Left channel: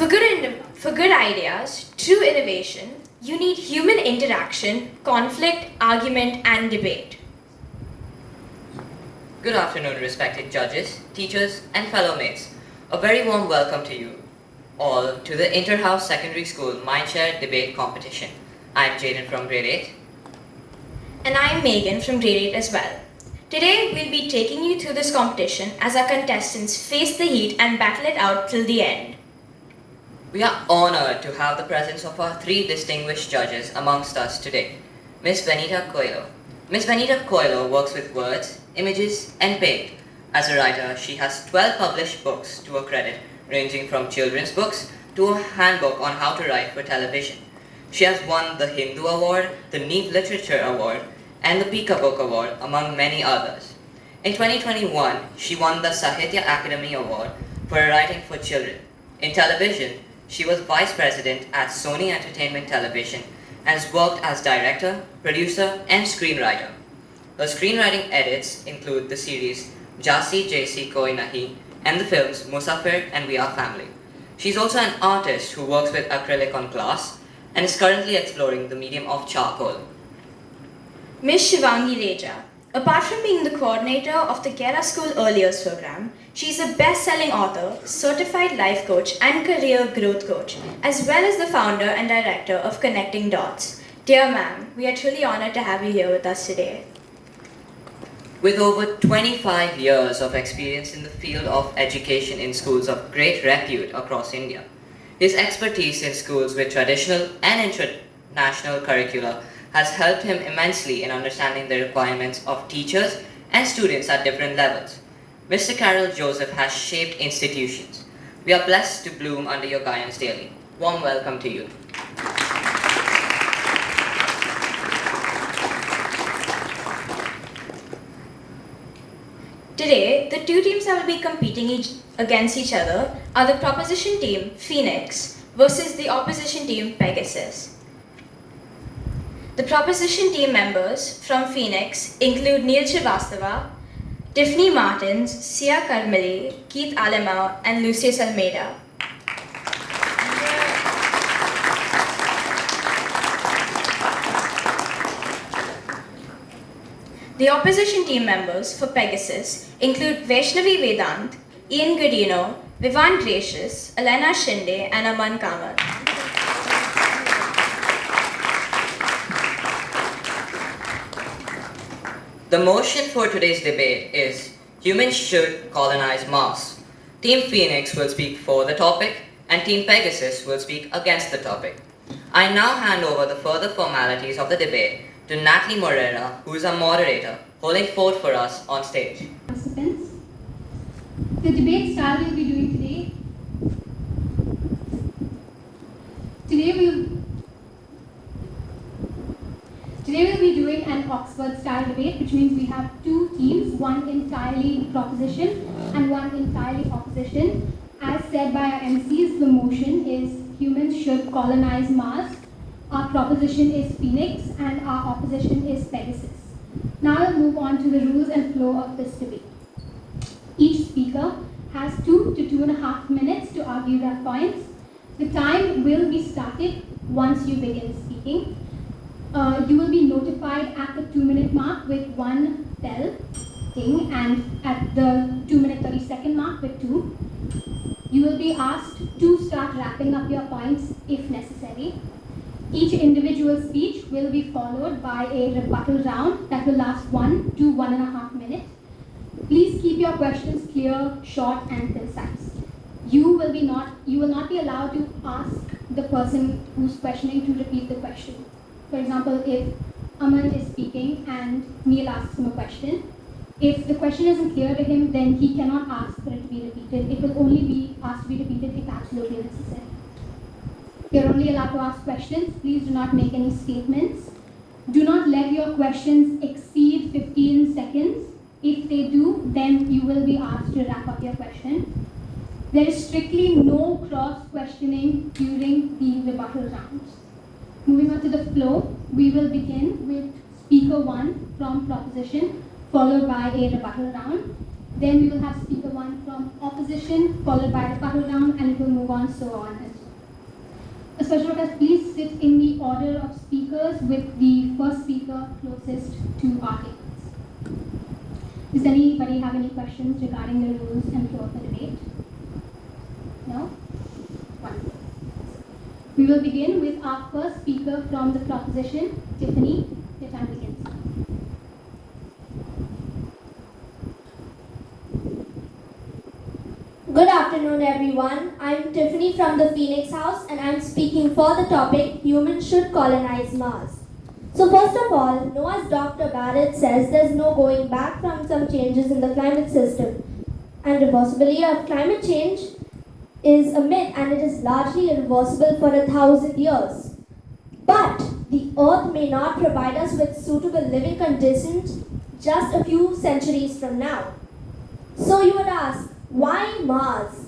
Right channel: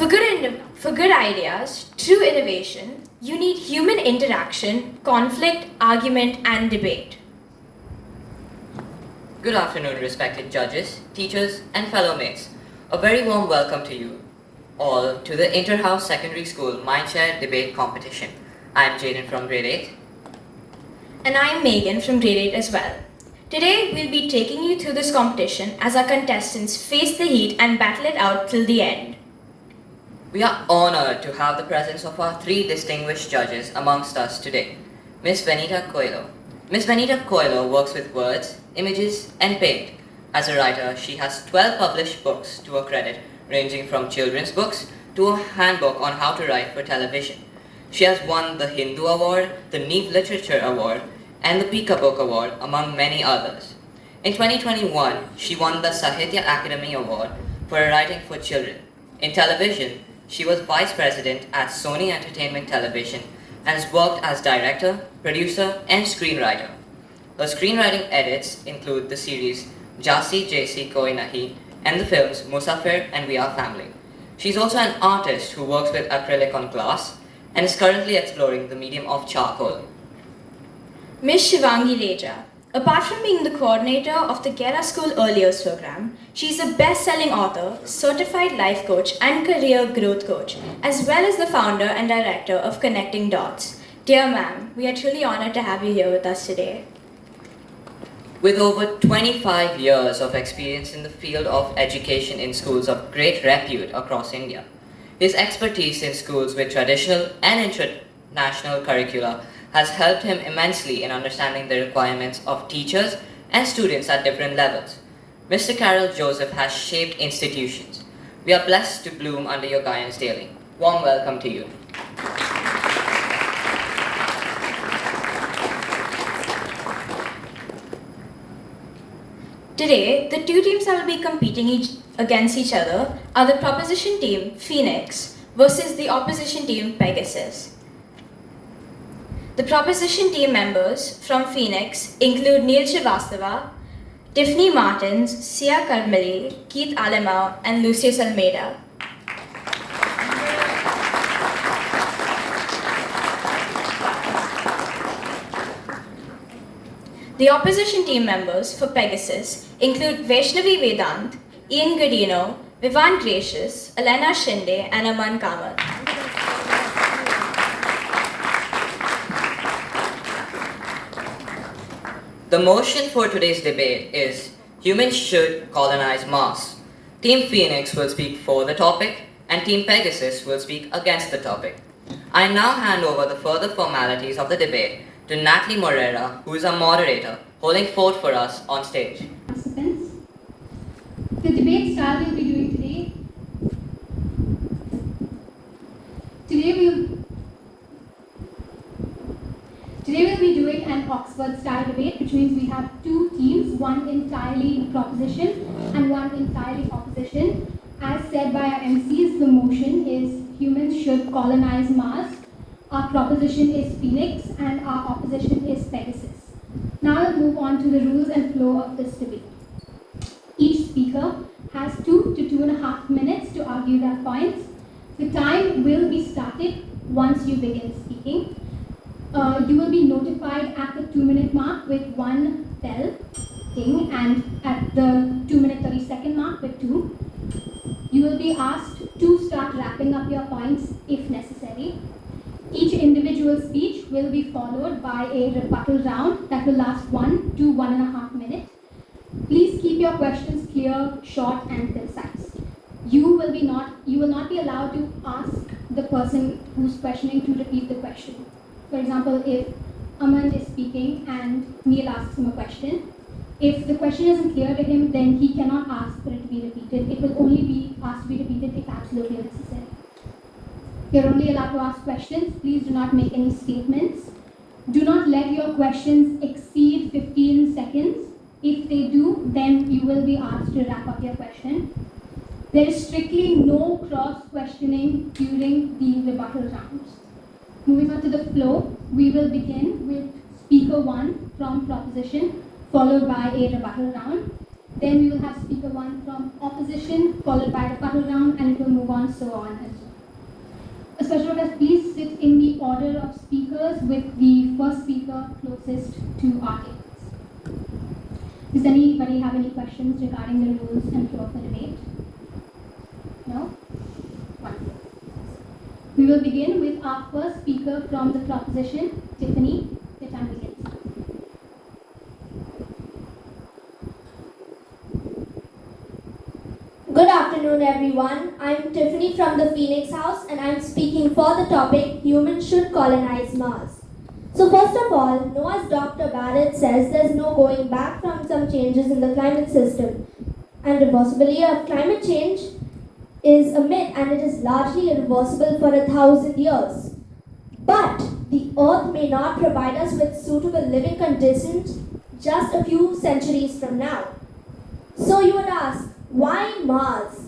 For good ideas, true innovation, you need human interaction, conflict, argument, and debate. Good afternoon, respected judges, teachers, and fellow mates. A very warm welcome to you all to the Inter-House Secondary School Mindshare Debate Competition. I'm Jaden from grade 8. And I'm Megan from grade 8 as well. Today, we'll be taking you through this competition as our contestants face the heat and battle it out till the end. We are honored to have the presence of our three distinguished judges amongst us today. Miss Venita Coelho. Miss Venita Coelho works with words, images, and paint. As a writer, she has 12 published books to her credit, ranging from children's books to a handbook on how to write for television. She has won the Hindu Award, the Neve Literature Award, and the Pika Book Award, among many others. In 2021, she won the Sahitya Academy Award for writing for children. In television, she was vice president at Sony Entertainment Television and has worked as director, producer, and screenwriter. Her screenwriting edits include the series Jasi Jaisi Koi Nahi and the films Musafir and We Are Family. She's also an artist who works with acrylic on glass and is currently exploring the medium of charcoal. Ms. Shivangi Reja. Apart from being the coordinator of the Gera School Early Years program, she is a best-selling author, certified life coach, and career growth coach, as well as the founder and director of Connecting Dots. Dear ma'am, we are truly honored to have you here with us today. With over 25 years of experience in the field of education in schools of great repute across India, his expertise in schools with traditional and international curricula has helped him immensely in understanding the requirements of teachers and students at different levels. Mr. Carol Joseph has shaped institutions. We are blessed to bloom under your guidance daily. Warm welcome to you. Today, the two teams that will be competing against each other are the proposition team, Phoenix, versus the opposition team, Pegasus. The proposition team members from Phoenix include Neil Srivastava, Tiffany Martins, Sia Karmali, Keith Alemau, and Lucius Almeida. The opposition team members for Pegasus include Vaishnavi Vedant, Ian Godino, Vivan Gracious, Elena Shinde, and Aman Kamath. The motion for today's debate is humans should colonize Mars. Team Phoenix will speak for the topic and Team Pegasus will speak against the topic. I now hand over the further formalities of the debate to Natalie Morera, who is our moderator, holding forth for us on stage. Participants, the debate style we'll be doing Today we'll be doing an Oxford style debate, which means we have two teams, one entirely proposition and one entirely opposition. As said by our MCs, the motion is humans should colonize Mars. Our proposition is Phoenix and our opposition is Pegasus. Now let's move on to the rules and flow of this debate. Each speaker has 2 to 2.5 minutes to argue their points. The time will be started once you begin speaking. You will be notified at the 2-minute mark with 1 bell ding and at the 2-minute 30-second mark with 2. You will be asked to start wrapping up your points if necessary. Each individual speech will be followed by a rebuttal round that will last 1 to 1.5 minutes. Please keep your questions clear, short, and concise. You will not be allowed to ask the person who's questioning to repeat the question. For example, if Aman is speaking and Neil asks him a question, if the question isn't clear to him, then he cannot ask for it to be repeated. It will only be asked to be repeated if absolutely necessary. You're only allowed to ask questions. Please do not make any statements. Do not let your questions exceed 15 seconds. If they do, then you will be asked to wrap up your question. There is strictly no cross-questioning during the rebuttal rounds. Moving on to the flow, we will begin with speaker 1 from proposition, followed by a rebuttal round. Then we will have speaker 1 from opposition, followed by rebuttal round, and it will move on so on as well. A special request, please sit in the order of speakers with the first speaker closest to our tables. Does anybody have any questions regarding the rules and flow of the debate? No? Wonderful. We will begin with our first speaker from the proposition, Tiffany. The time begins. Good afternoon, everyone. I'm Tiffany from the Phoenix House, and I'm speaking for the topic, Humans Should Colonize Mars. So first of all, no, as Dr. Barrett says, there's no going back from some changes in the climate system. And reversibility of climate change is a myth, and it is largely irreversible for 1,000 years. But the Earth may not provide us with suitable living conditions just a few centuries from now. So you would ask, why Mars?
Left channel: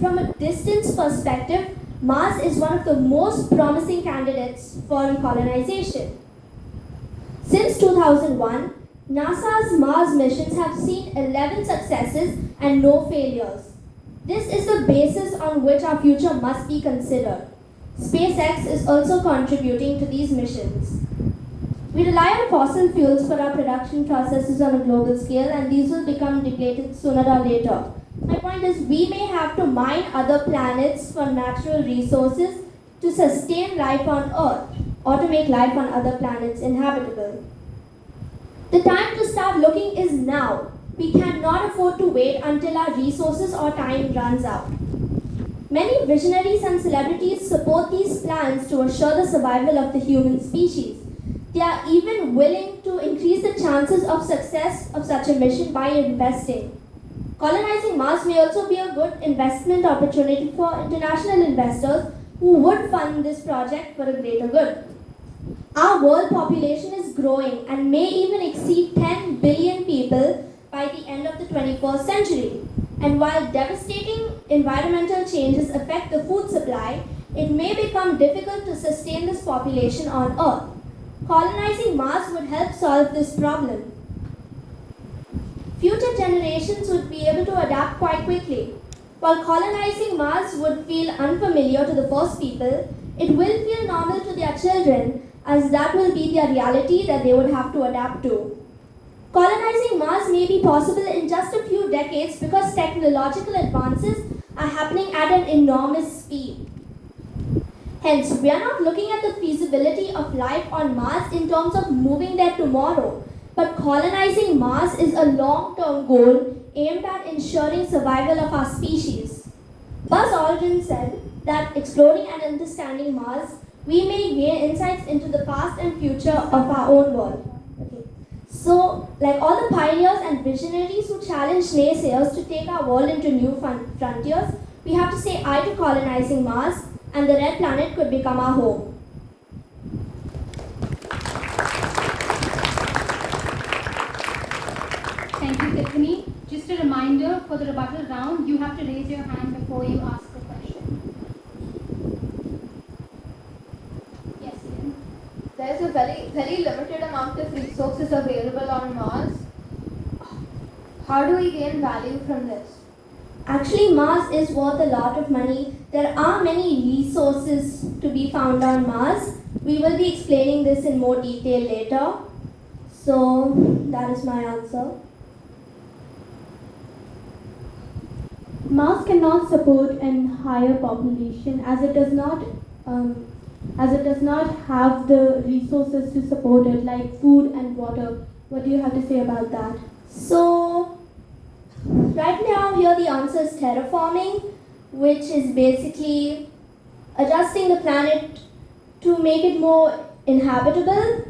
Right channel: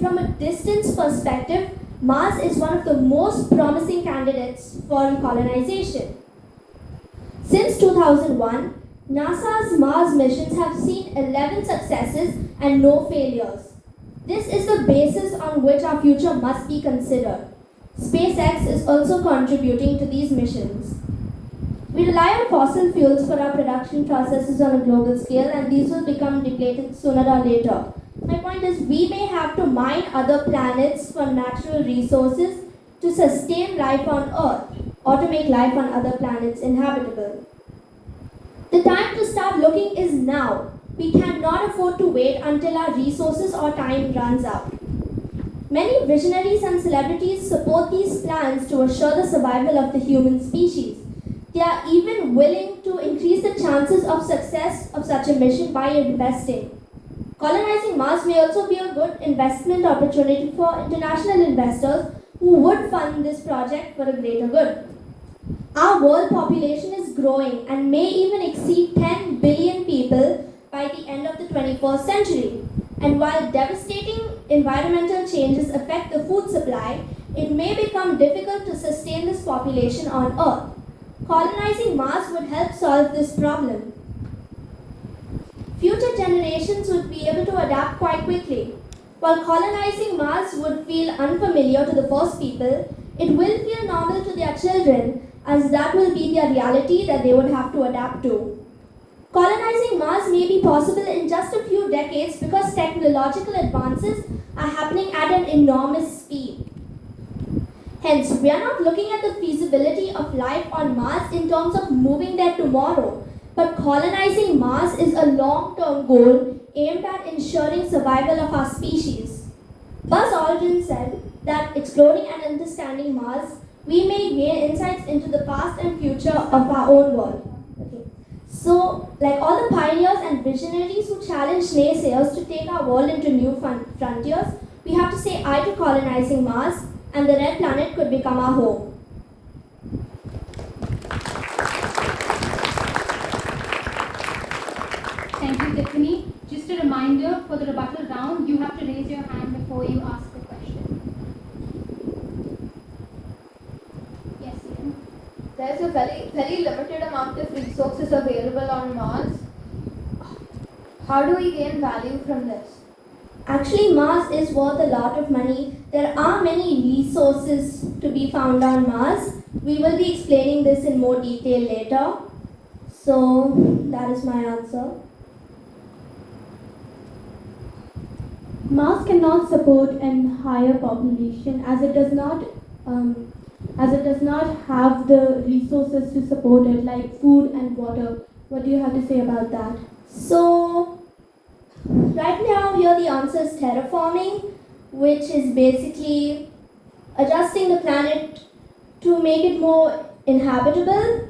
From a distance perspective, Mars is one of the most promising candidates for colonization. Since 2001, NASA's Mars missions have seen 11 successes and no failures. This is the basis on which our future must be considered. SpaceX is also contributing to these missions. We rely on fossil fuels for our production processes on a global scale, and these will become depleted sooner or later. My point is, we may have to mine other planets for natural resources to sustain life on Earth, or to make life on other planets inhabitable. The time to start looking is now. We cannot afford to wait until our resources or time runs out. Many visionaries and celebrities support these plans to assure the survival of the human species. They are even willing to increase the chances of success of such a mission by investing. Colonizing Mars may also be a good investment opportunity for international investors who would fund this project for a greater good. Our world population is growing and may even exceed 10 billion people by the end of the 21st century. And while devastating environmental changes affect the food supply, it may become difficult to sustain this population on Earth. Colonizing Mars would help solve this problem. Future generations would be able to adapt quite quickly. While colonizing Mars would feel unfamiliar to the first people, it will feel normal to their children, as that will be their reality that they would have to adapt to. Colonizing Mars may be possible in just a few decades because technological advances are happening at an enormous speed. Hence, we are not looking at the feasibility of life on Mars in terms of moving there tomorrow, but colonizing Mars is a long-term goal aimed at ensuring survival of our species. Buzz Aldrin said that exploring and understanding Mars, we may gain insights into the past and future of our own world. Okay. So, like all the pioneers and visionaries who challenged naysayers to take our world into new frontiers, we have to say aye to colonizing Mars, and the red planet could become our home. Thank you, Tiffany. Just a reminder, for the rebuttal round, you have to raise your hand before you ask the question. Yes, Ian. There's a very limited amount of resources available on Mars. How do we gain value from this? Actually, Mars is worth a lot of money. There are many resources to be found on Mars. We will be explaining this in more detail later. So, that is my answer. Mars cannot support an higher population as it does not have the resources to support it, like food and water. What do you have to say about that? So, right now here the answer is terraforming, which is basically adjusting the planet to make it more inhabitable.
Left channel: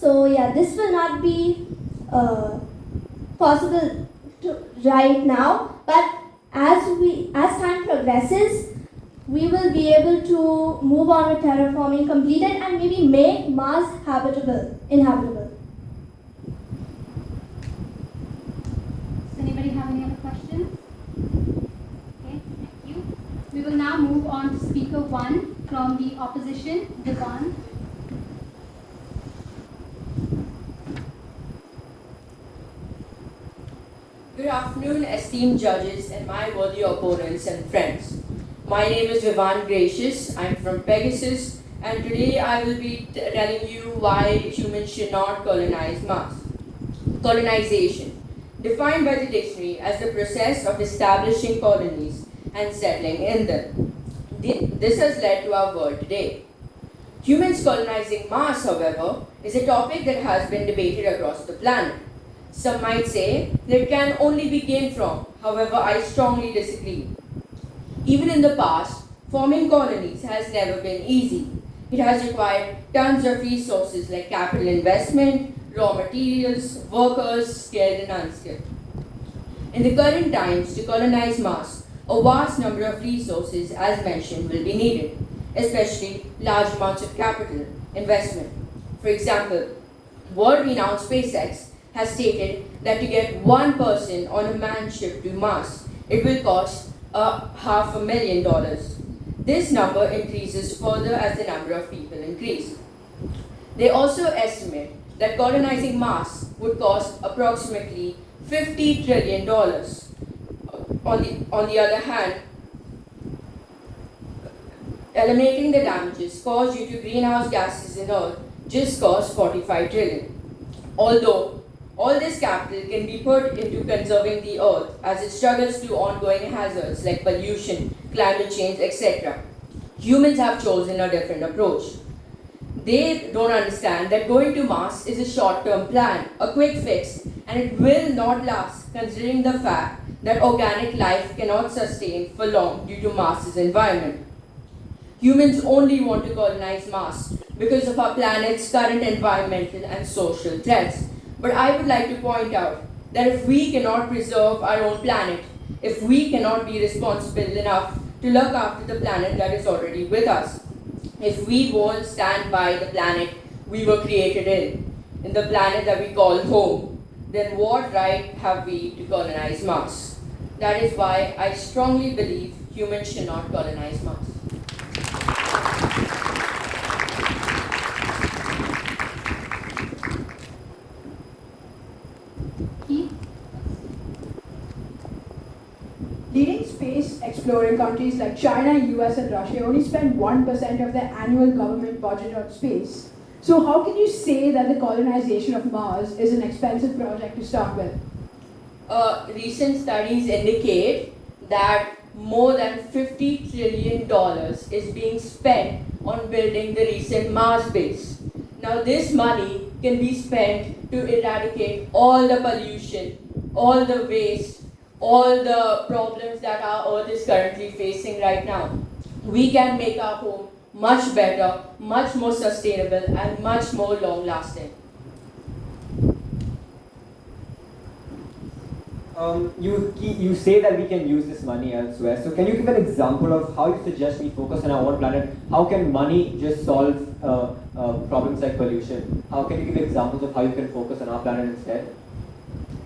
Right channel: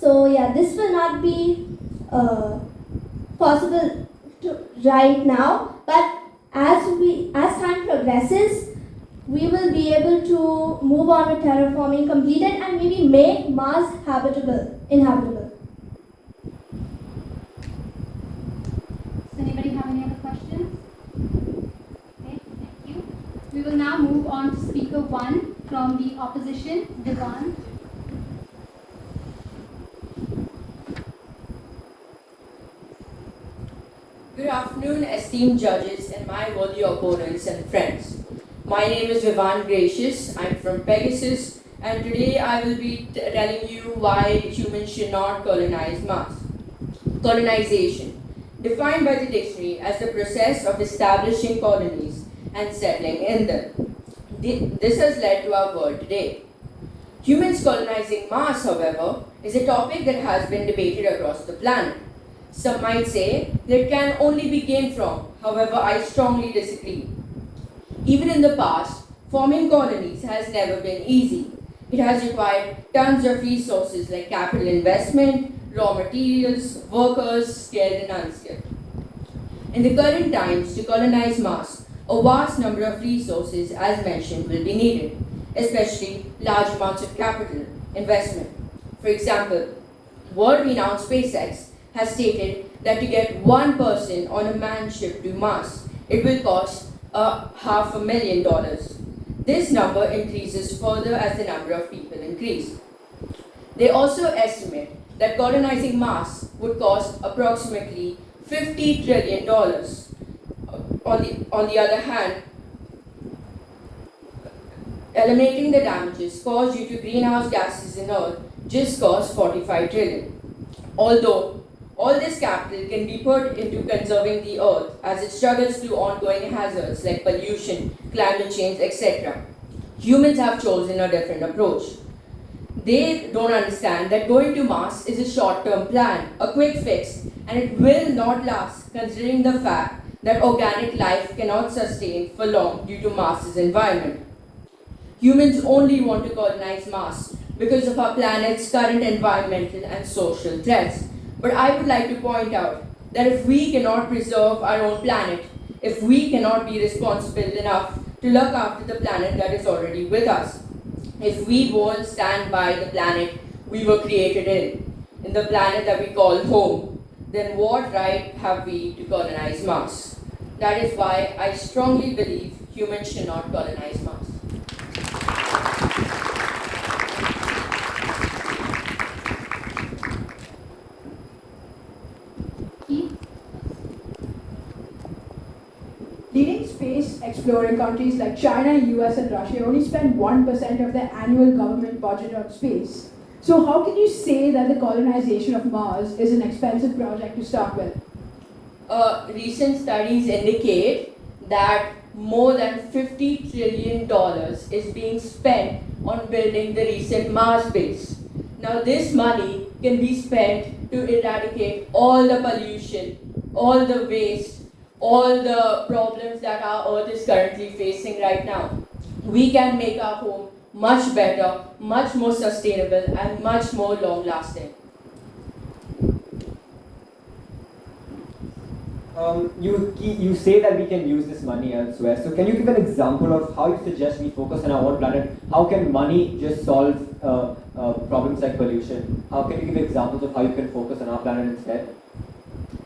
So yeah, this will not be possible right now, but as time progresses, we will be able to move on with terraforming completed and maybe make Mars inhabitable. Does anybody have any other questions? Okay, thank you. We will now move on to speaker 1 from the opposition, Devon. Good afternoon. afternoon, esteemed judges and my worthy opponents and friends. My name is Vivan Gracious. I'm from Pegasus, and today I will be telling you why humans should not colonize Mars. Colonization, defined by the dictionary as the process of establishing colonies and settling in them. This has led to our world today. Humans colonizing Mars, however, is a topic that has been debated across the planet. Some might say that it can only be gained from, however, I strongly disagree. Even in the past, forming colonies has never been easy. It has required tons of resources like capital investment, raw materials, workers, skilled and unskilled. In the current times, to colonize Mars, a vast number of resources, as mentioned, will be needed, especially large amounts of capital investment. For example, world-renowned SpaceX has stated that to get one person on a manned ship to Mars, it will cost $500,000. This number increases further as the number of people increase. They also estimate that colonizing Mars would cost approximately $50 trillion. On the other hand, eliminating the damages caused due to greenhouse gases in Earth just costs $45 trillion. Although all this capital can be put into conserving the Earth as it struggles through ongoing hazards like pollution, climate change, etc., humans have chosen a different approach. They don't understand that going to Mars is a short-term plan, a quick fix, and it will not last, considering the fact that organic life cannot sustain for long due to Mars's environment. Humans only want to colonize Mars because of our planet's current environmental and social threats. But I would like to point out that if we cannot preserve our own planet, if we cannot be responsible enough to look after the planet that is already with us, if we won't stand by the planet we were created in the planet that we call home, then what right have we to colonize Mars? That is why I strongly believe humans should not colonize Mars. Leading space exploring countries like China, US, and Russia only spend 1% of their annual government budget on space. So how can you say that the colonization of Mars is an expensive project to start with? Recent studies indicate that more than $50 trillion is being spent on building the recent Mars base. Now this money can be spent to eradicate all the pollution, all the waste, all the problems that our Earth is currently facing right now. We can make our home much better, much more sustainable, and much more long-lasting. You say that we can use this money elsewhere. So can you give an example of how you suggest we focus on our own planet? How can money just solve problems like pollution? How can you give examples of how you can focus on our planet instead?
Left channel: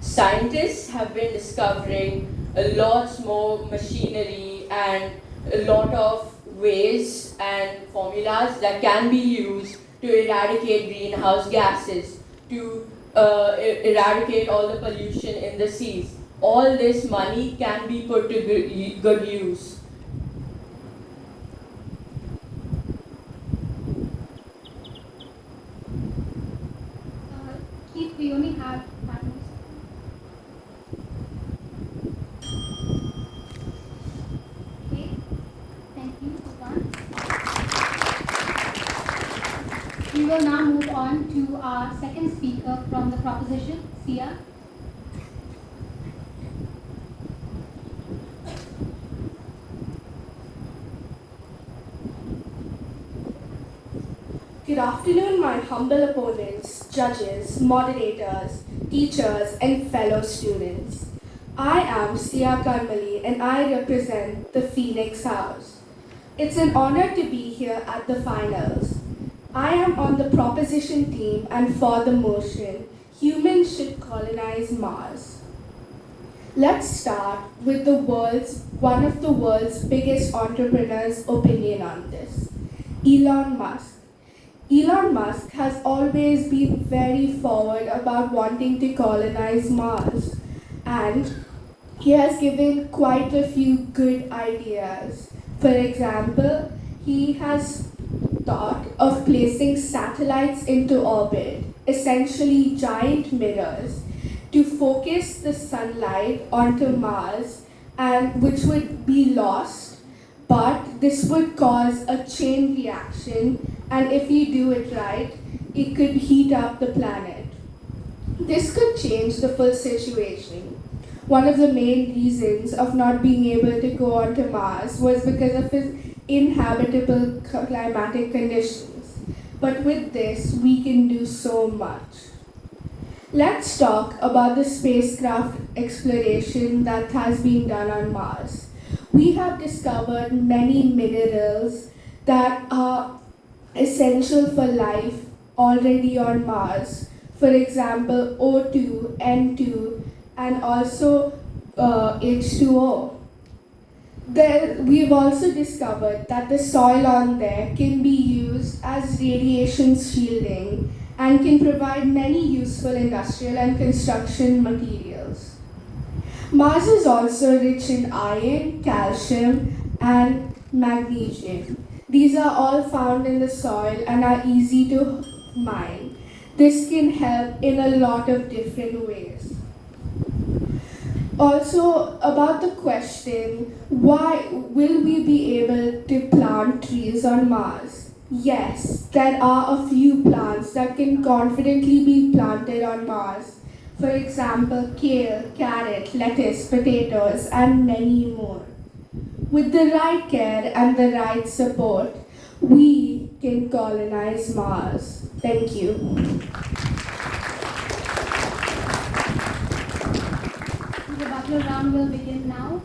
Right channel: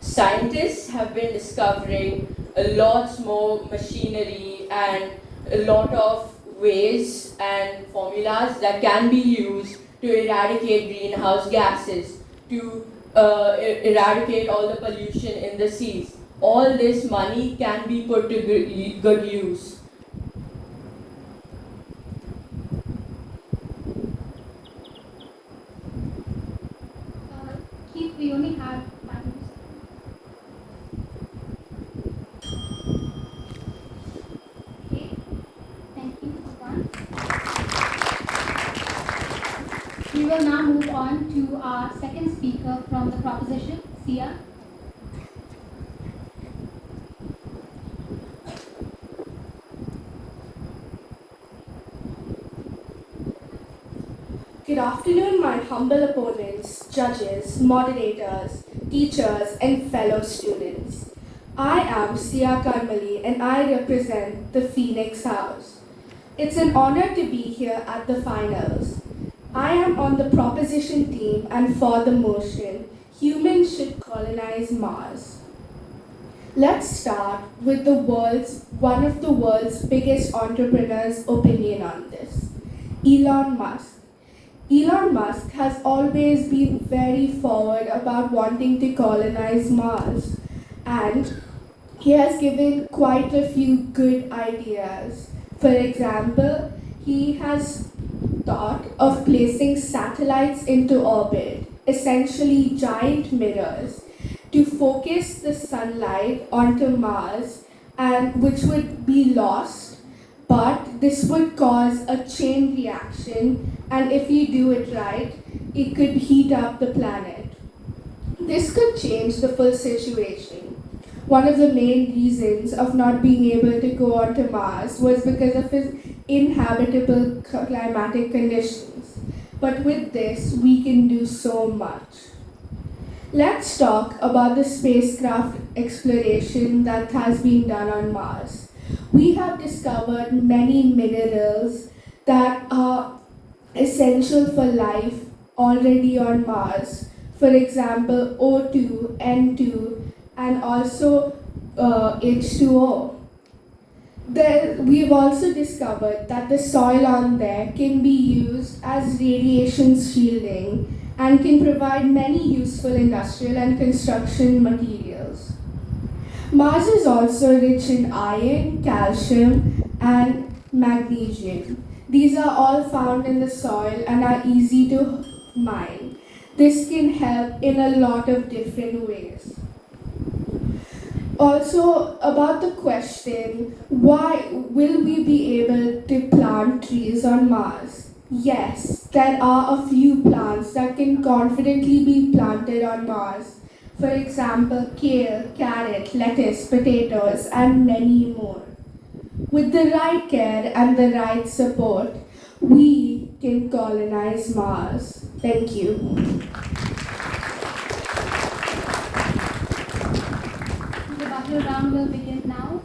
Scientists have been discovering a lot more machinery and a lot of ways and formulas that can be used to eradicate greenhouse gases, to eradicate all the pollution in the seas. All this money can be put to good use. Keith, we only have 5 minutes. Okay, thank you, Vivan. We will now move on to our second speaker from the proposition, Sia. Good afternoon, my humble opponents, judges, moderators, teachers, and fellow students. I am Sia Karmali and I represent the Phoenix House. It's an honor to be here at the finals. I am on the proposition team and for the motion, humans should colonize Mars. Let's start with one of the world's biggest entrepreneurs' opinion on this, Elon Musk. Elon Musk has always been very forward about wanting to colonize Mars, and he has given quite a few good ideas. For example, he has thought of placing satellites into orbit, essentially giant mirrors, to focus the sunlight onto Mars, and which would be lost, but this would cause a chain reaction, and if you do it right, it could heat up the planet. This could change the full situation. One of the main reasons of not being able to go onto Mars was because of its inhabitable climatic conditions. But with this, we can do so much. Let's talk about the spacecraft exploration that has been done on Mars. We have discovered many minerals that are essential for life already on Mars. For example, O2, N2, and also H2O. We've also discovered that the soil on there can be used as radiation shielding and can provide many useful industrial and construction materials. Mars is also rich in iron, calcium, and magnesium. These are all found in the soil and are easy to mine. This can help in a lot of different ways. Also, about the question, why will we be able to plant trees on Mars? Yes, there are a few plants that can confidently be planted on Mars. For example, kale, carrot, lettuce, potatoes, and many more. With the right care and the right support, we can colonize Mars. Thank you. The rebuttal round will begin now.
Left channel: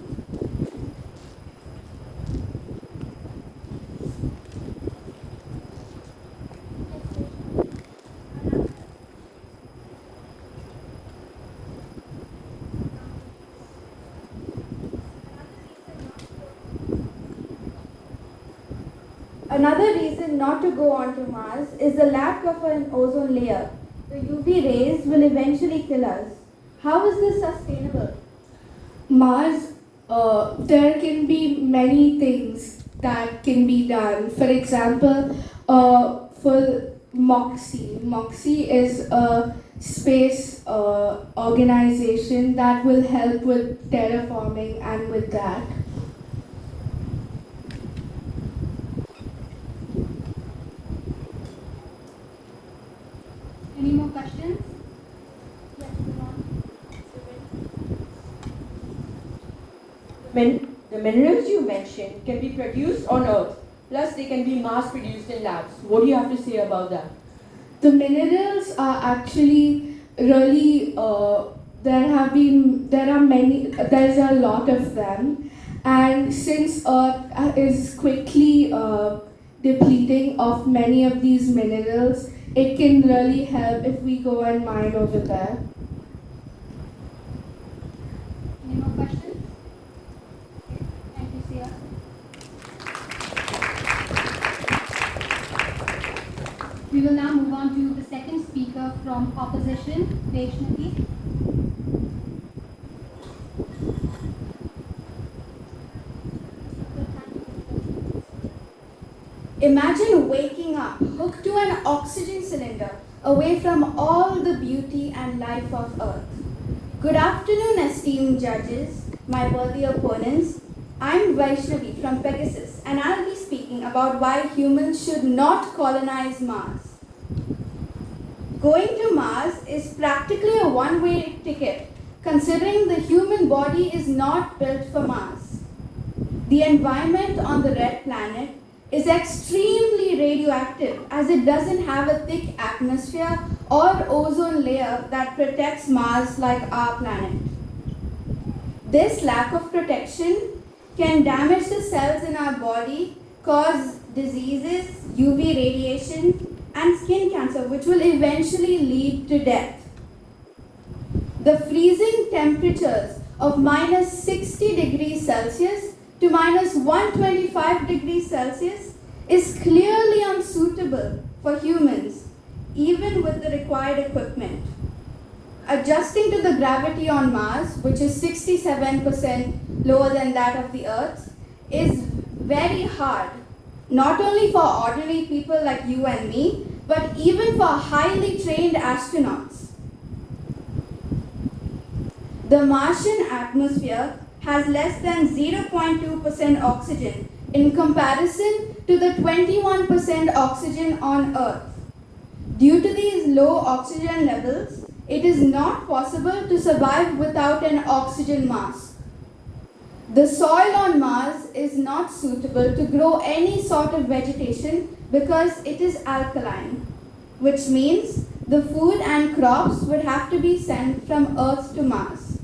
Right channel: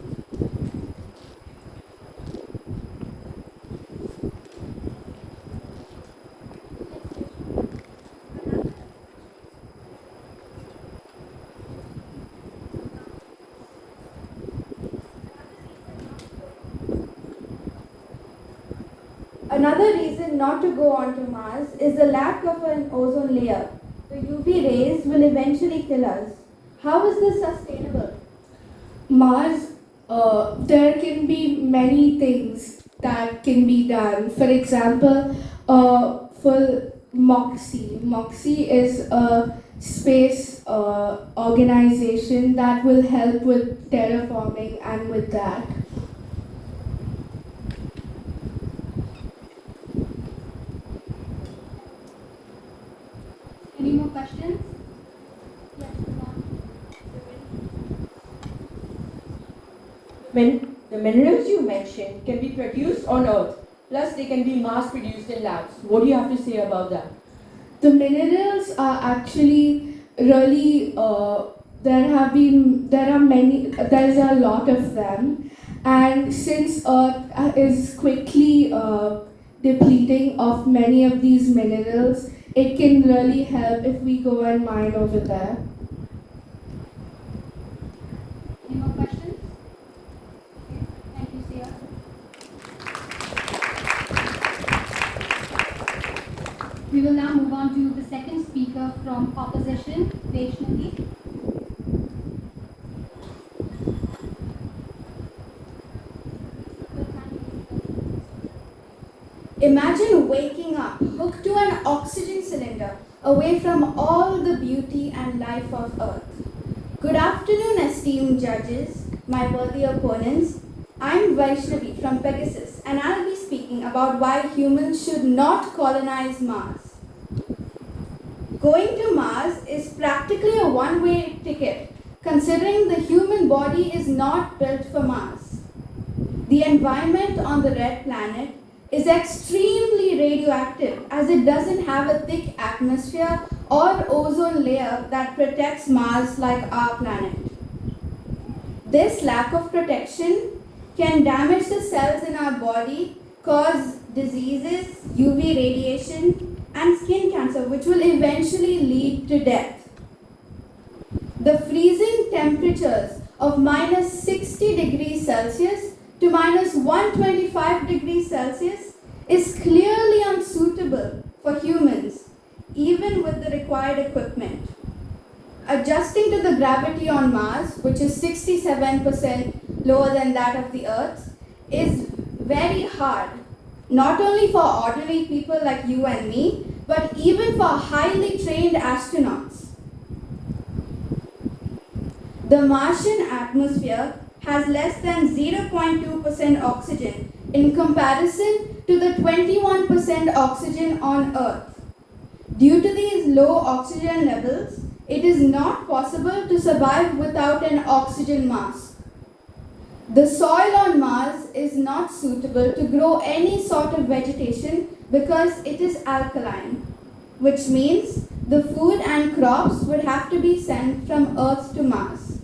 Another reason not to go onto Mars is the lack of an ozone layer. The UV rays will eventually kill us. How is this sustainable? Mars, there can be many things that can be done. For example, for MOXIE. MOXIE is a space organization that will help with terraforming and with that. Any more questions? The minerals you mentioned can be produced on Earth, plus they can be mass produced in labs. What do you have to say about that? The minerals are actually really there is a lot of them, and since Earth is quickly depleting of many of these minerals, it can really help if we go and mine over there. Any more questions? Thank you, Sia. We will now move on to the second speaker from opposition, Vaishnavi. Imagine waking up hooked to an oxygen cylinder away from all the beauty and life of Earth. Good afternoon, esteemed judges, my worthy opponents. I'm Vaishnavi from Pegasus, and I'll be speaking about why humans should not colonize Mars. Going to Mars is practically a one-way ticket, considering the human body is not built for Mars. The environment on the red planet is extremely radioactive as it doesn't have a thick atmosphere or ozone layer that protects Mars like our planet. This lack of protection can damage the cells in our body, cause diseases, UV radiation, and skin cancer, which will eventually lead to death. The freezing temperatures of minus 60 degrees Celsius to minus 125 degrees Celsius is clearly unsuitable for humans, even with the required equipment. adjusting to the gravity on Mars, which is 67% lower than that of the Earth, is very hard. Not only for ordinary people like you and me, but even for highly trained astronauts. The Martian atmosphere has less than 0.2% oxygen in comparison to the 21% oxygen on Earth. Due to these low oxygen levels, it is not possible to survive without an oxygen mask. The soil on Mars is not suitable to grow any sort of vegetation because it is alkaline, which means the food and crops would have to be sent from Earth to Mars.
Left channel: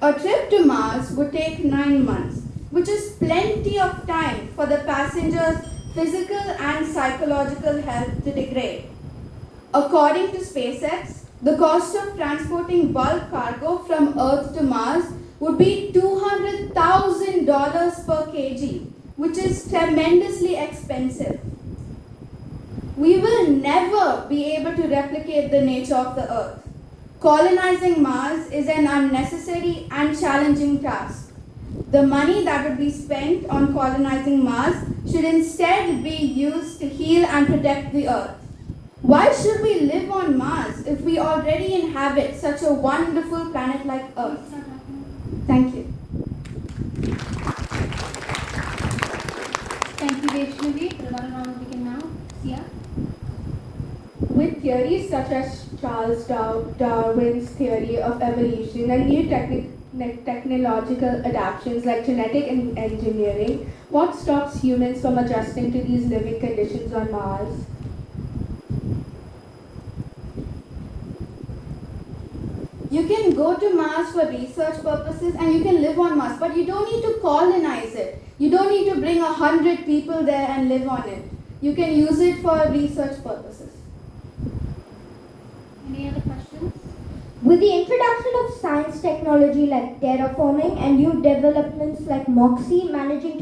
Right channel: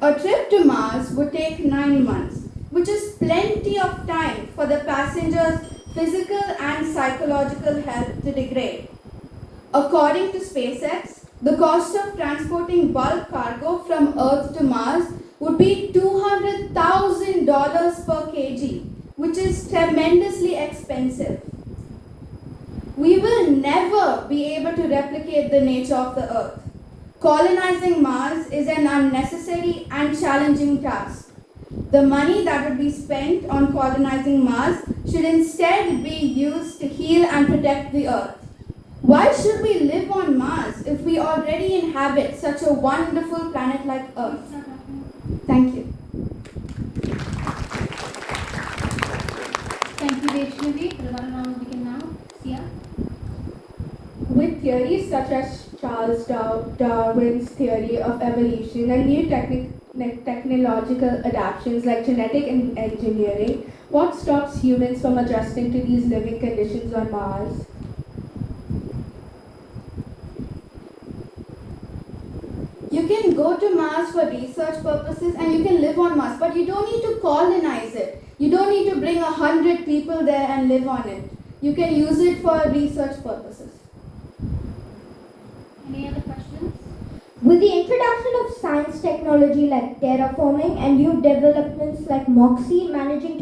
A trip to Mars would take 9 months, which is plenty of time for the passengers' physical and psychological health to degrade. According to SpaceX, the cost of transporting bulk cargo from Earth to Mars would be $200,000 per kg, which is tremendously expensive. We will never be able to replicate the nature of the Earth. Colonizing Mars is an unnecessary and challenging task. The money that would be spent on colonizing Mars should instead be used to heal and protect the Earth. Why should we live on Mars if we already inhabit such a wonderful planet like Earth? Thank you. Thank you, Vaishnavi. The one round begin now. Sia? With theories such as Charles Darwin's theory of evolution and new technological adaptations like genetic engineering, what stops humans from adjusting to these living conditions on Mars? You can go to Mars for research purposes and you can live on Mars, but you don't need to colonize it. You don't need to bring 100 people there and live on it. You can use it for research purposes. Any other questions? With the introduction of science technology like terraforming and new developments like MOXIE managing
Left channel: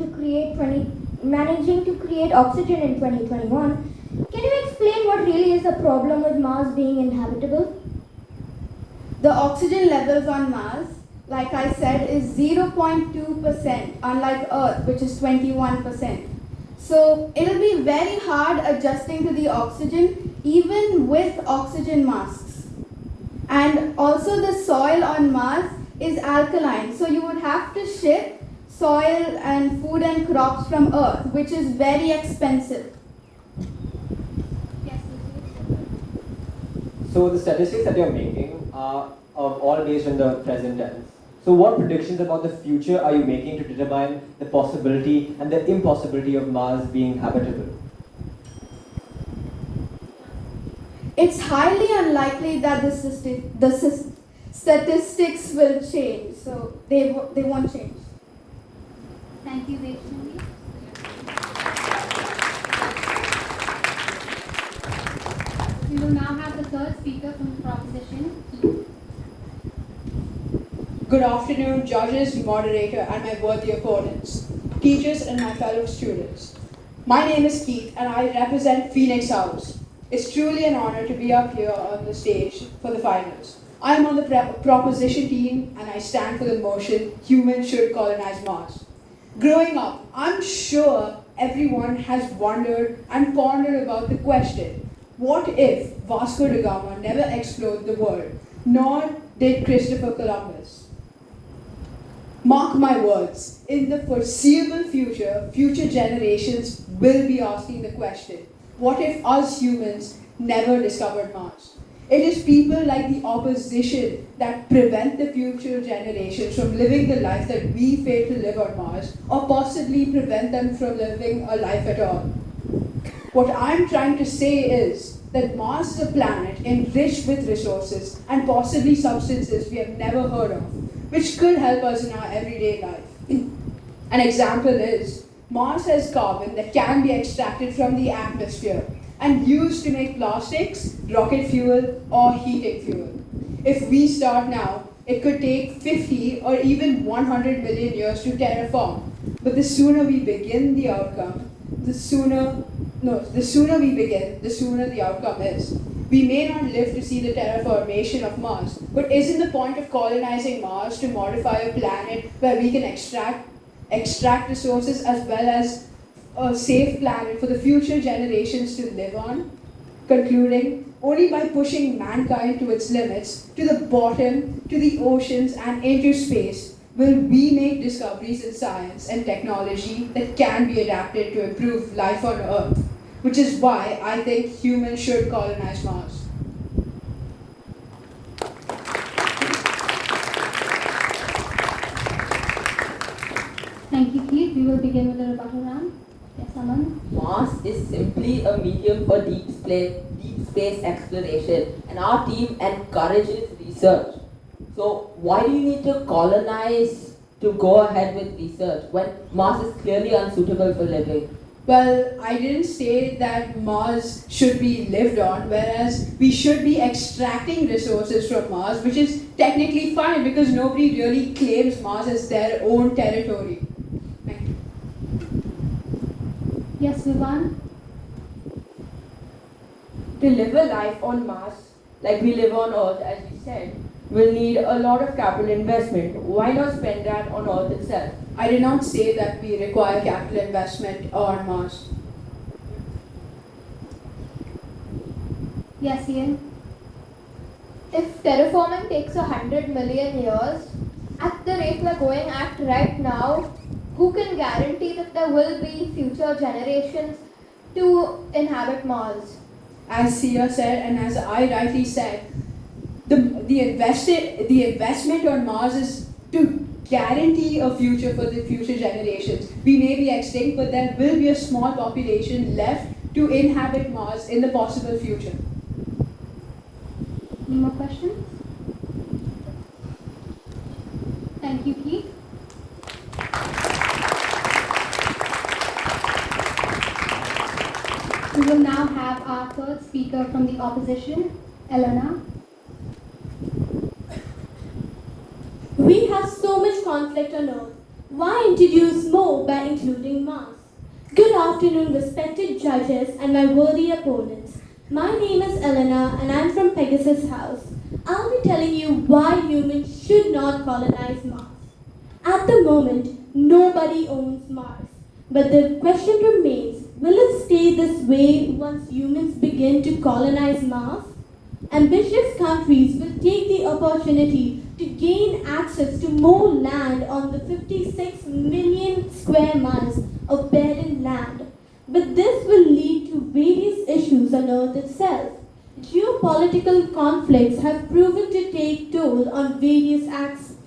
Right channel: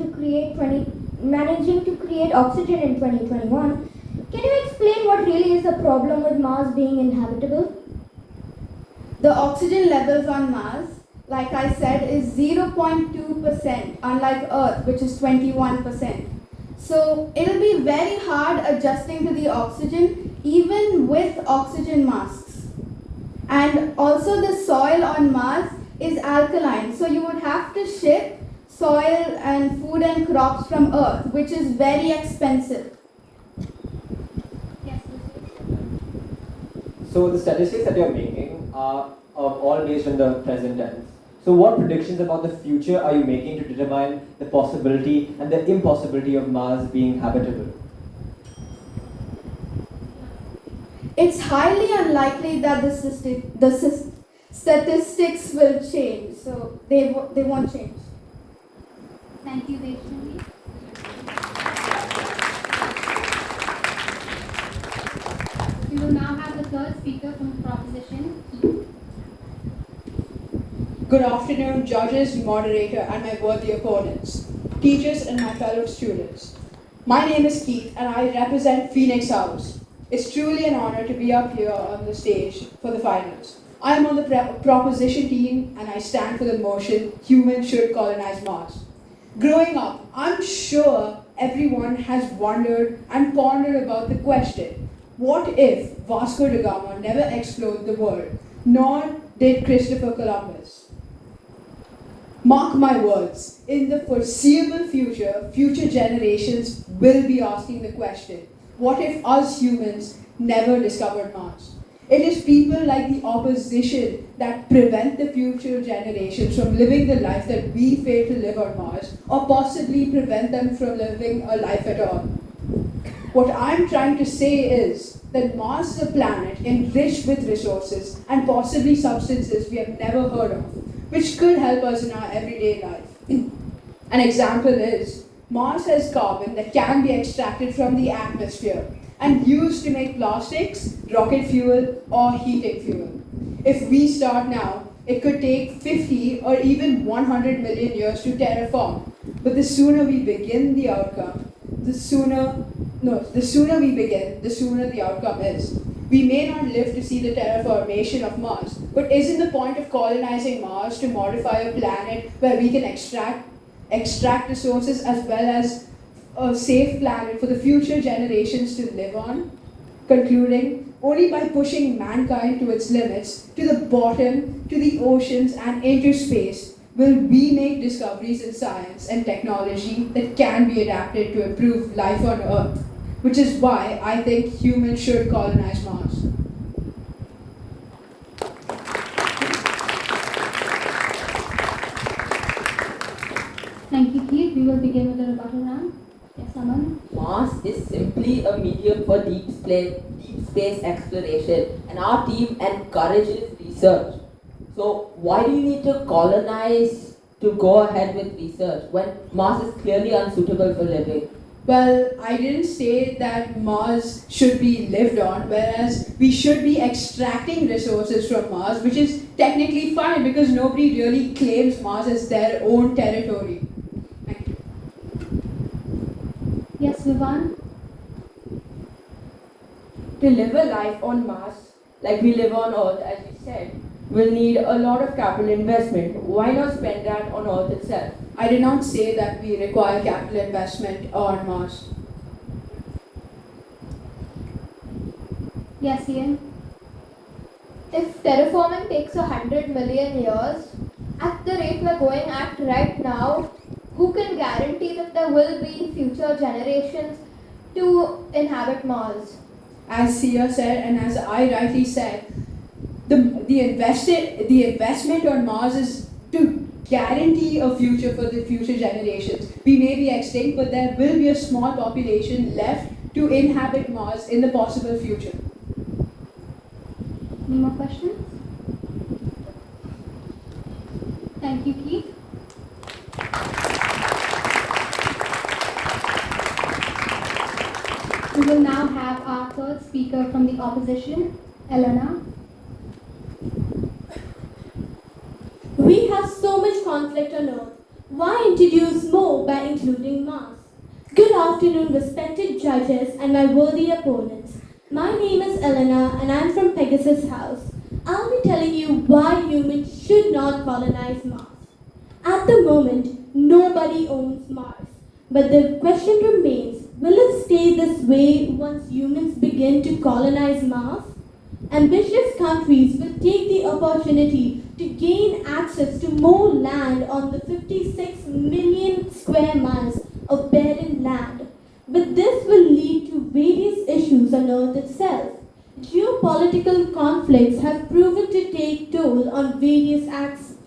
to create oxygen in 2021, can you explain what really is the problem with Mars being inhabitable? The oxygen levels on Mars, like I said, is 0.2%, unlike Earth, which is 21%. So it'll be very hard adjusting to the oxygen, even with oxygen masks. And also the soil on Mars is alkaline, so you would have to ship soil and food and crops from Earth, which is very expensive. Yes, So the statistics that you're making are all based on the present tense. So what predictions about the future are you making to determine the possibility and the impossibility of Mars being habitable? It's highly unlikely that the statistics will change, so they won't change. Thank you, Vaishnavi. We will now have the third speaker from Proposition. Good afternoon, judges, moderator, and my worthy opponents, teachers, and my fellow students. My name is Keith, and I represent Phoenix House. It's truly an honor to be up here on the stage for the finals. I am on the proposition team, and I stand for the motion, humans should colonize Mars. Growing up, I'm sure everyone has wondered and pondered about the question, what if Vasco da Gama never explored the world, nor did Christopher Columbus? Mark my words, in the foreseeable future, future generations will be asking the question, what if us humans never discovered Mars? It is people like the opposition that prevent the future generations from living the life that we fail to live on Mars, or possibly prevent them from living a life at all. What I'm trying to say is that Mars is a planet enriched with resources and possibly substances we have never heard of, which could help us in our everyday life. An example is, Mars has carbon that can be extracted from the atmosphere and used to make plastics, rocket fuel, or heating fuel. If we start now, it could take 50 or even 100 million years to terraform. But the sooner we begin the outcome, the sooner the outcome is. We may not live to see the terraformation of Mars, but isn't the point of colonizing Mars to modify a planet where we can extract resources as well as a safe planet for the future generations to live on? Concluding, only by pushing mankind to its limits, to the bottom, to the oceans, and into space, will we make discoveries in science and technology that can be adapted to improve life on Earth, which is why I think humans should colonize Mars. Thank you, Keith. We will begin with the rebuttal round. Yes, Aman? Mars is simply a medium for deep space exploration, and our team encourages research. So why do you need to colonize to go ahead with research when Mars is clearly unsuitable for living? Well, I didn't say that Mars should be lived on, whereas we should be extracting resources from Mars, which is technically fine because nobody really claims Mars as their own territory. Thank you. Yes, Vivan? To live a life on Mars, like we live on Earth, as we said, will need a lot of capital investment. Why not spend that on Earth itself? I did not say that we require capital investment on Mars. Yes, Ian? If terraforming takes 100 million years, at the rate we're going at right now, who can guarantee that there will be future generations to inhabit Mars? As Sia said, and as I rightly said, the investment on Mars is to guarantee a future for the future generations. We may be extinct, but there will be a small population left to inhabit Mars in the possible future. Any more questions? Thank you, Keith. We will now have our third speaker from the opposition, Elena. We have so much conflict on Earth. Why introduce more by including Mars? Good afternoon, respected judges and my worthy opponents. My name is Elena and I'm from Pegasus House. I'll be telling you why humans should not colonize Mars. At the moment, nobody owns Mars. But the question remains, will it stay this way once humans begin to colonize Mars? Ambitious countries will take the opportunity to gain access to more land on the 56 million square miles of barren land. But this will lead to various issues on Earth itself. Geopolitical conflicts have proven to take toll on various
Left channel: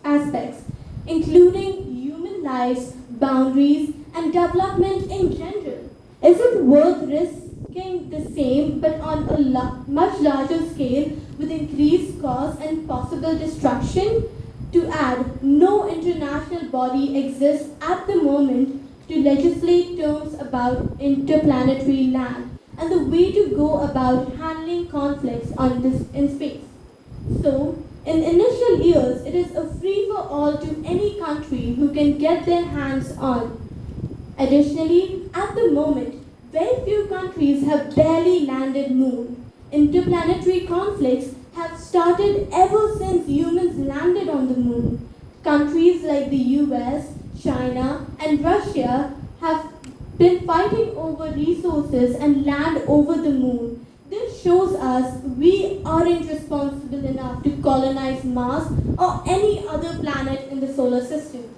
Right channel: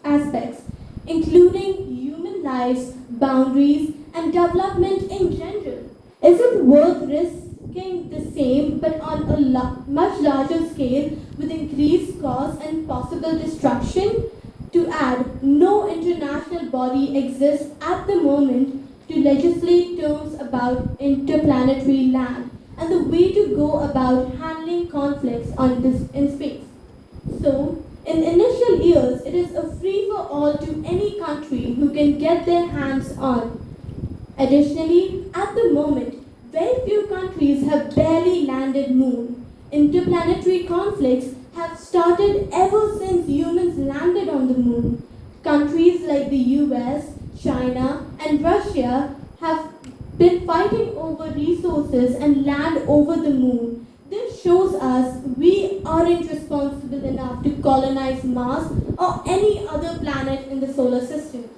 aspects, including human lives, boundaries, and development in general. Is it worth risking the same but on a much larger scale with increased cost and possible destruction? To add, no international body exists at the moment to legislate terms about interplanetary land and the way to go about handling conflicts in space. So, in initial years, it is a free-for-all to any country who can get their hands on. Additionally, at the moment, very few countries have barely landed moon. Interplanetary conflicts have started ever since humans landed on the moon. Countries like the US, China, and Russia have been fighting over resources and land over the moon. This shows us we aren't responsible enough to colonize Mars or any other planet in the solar system.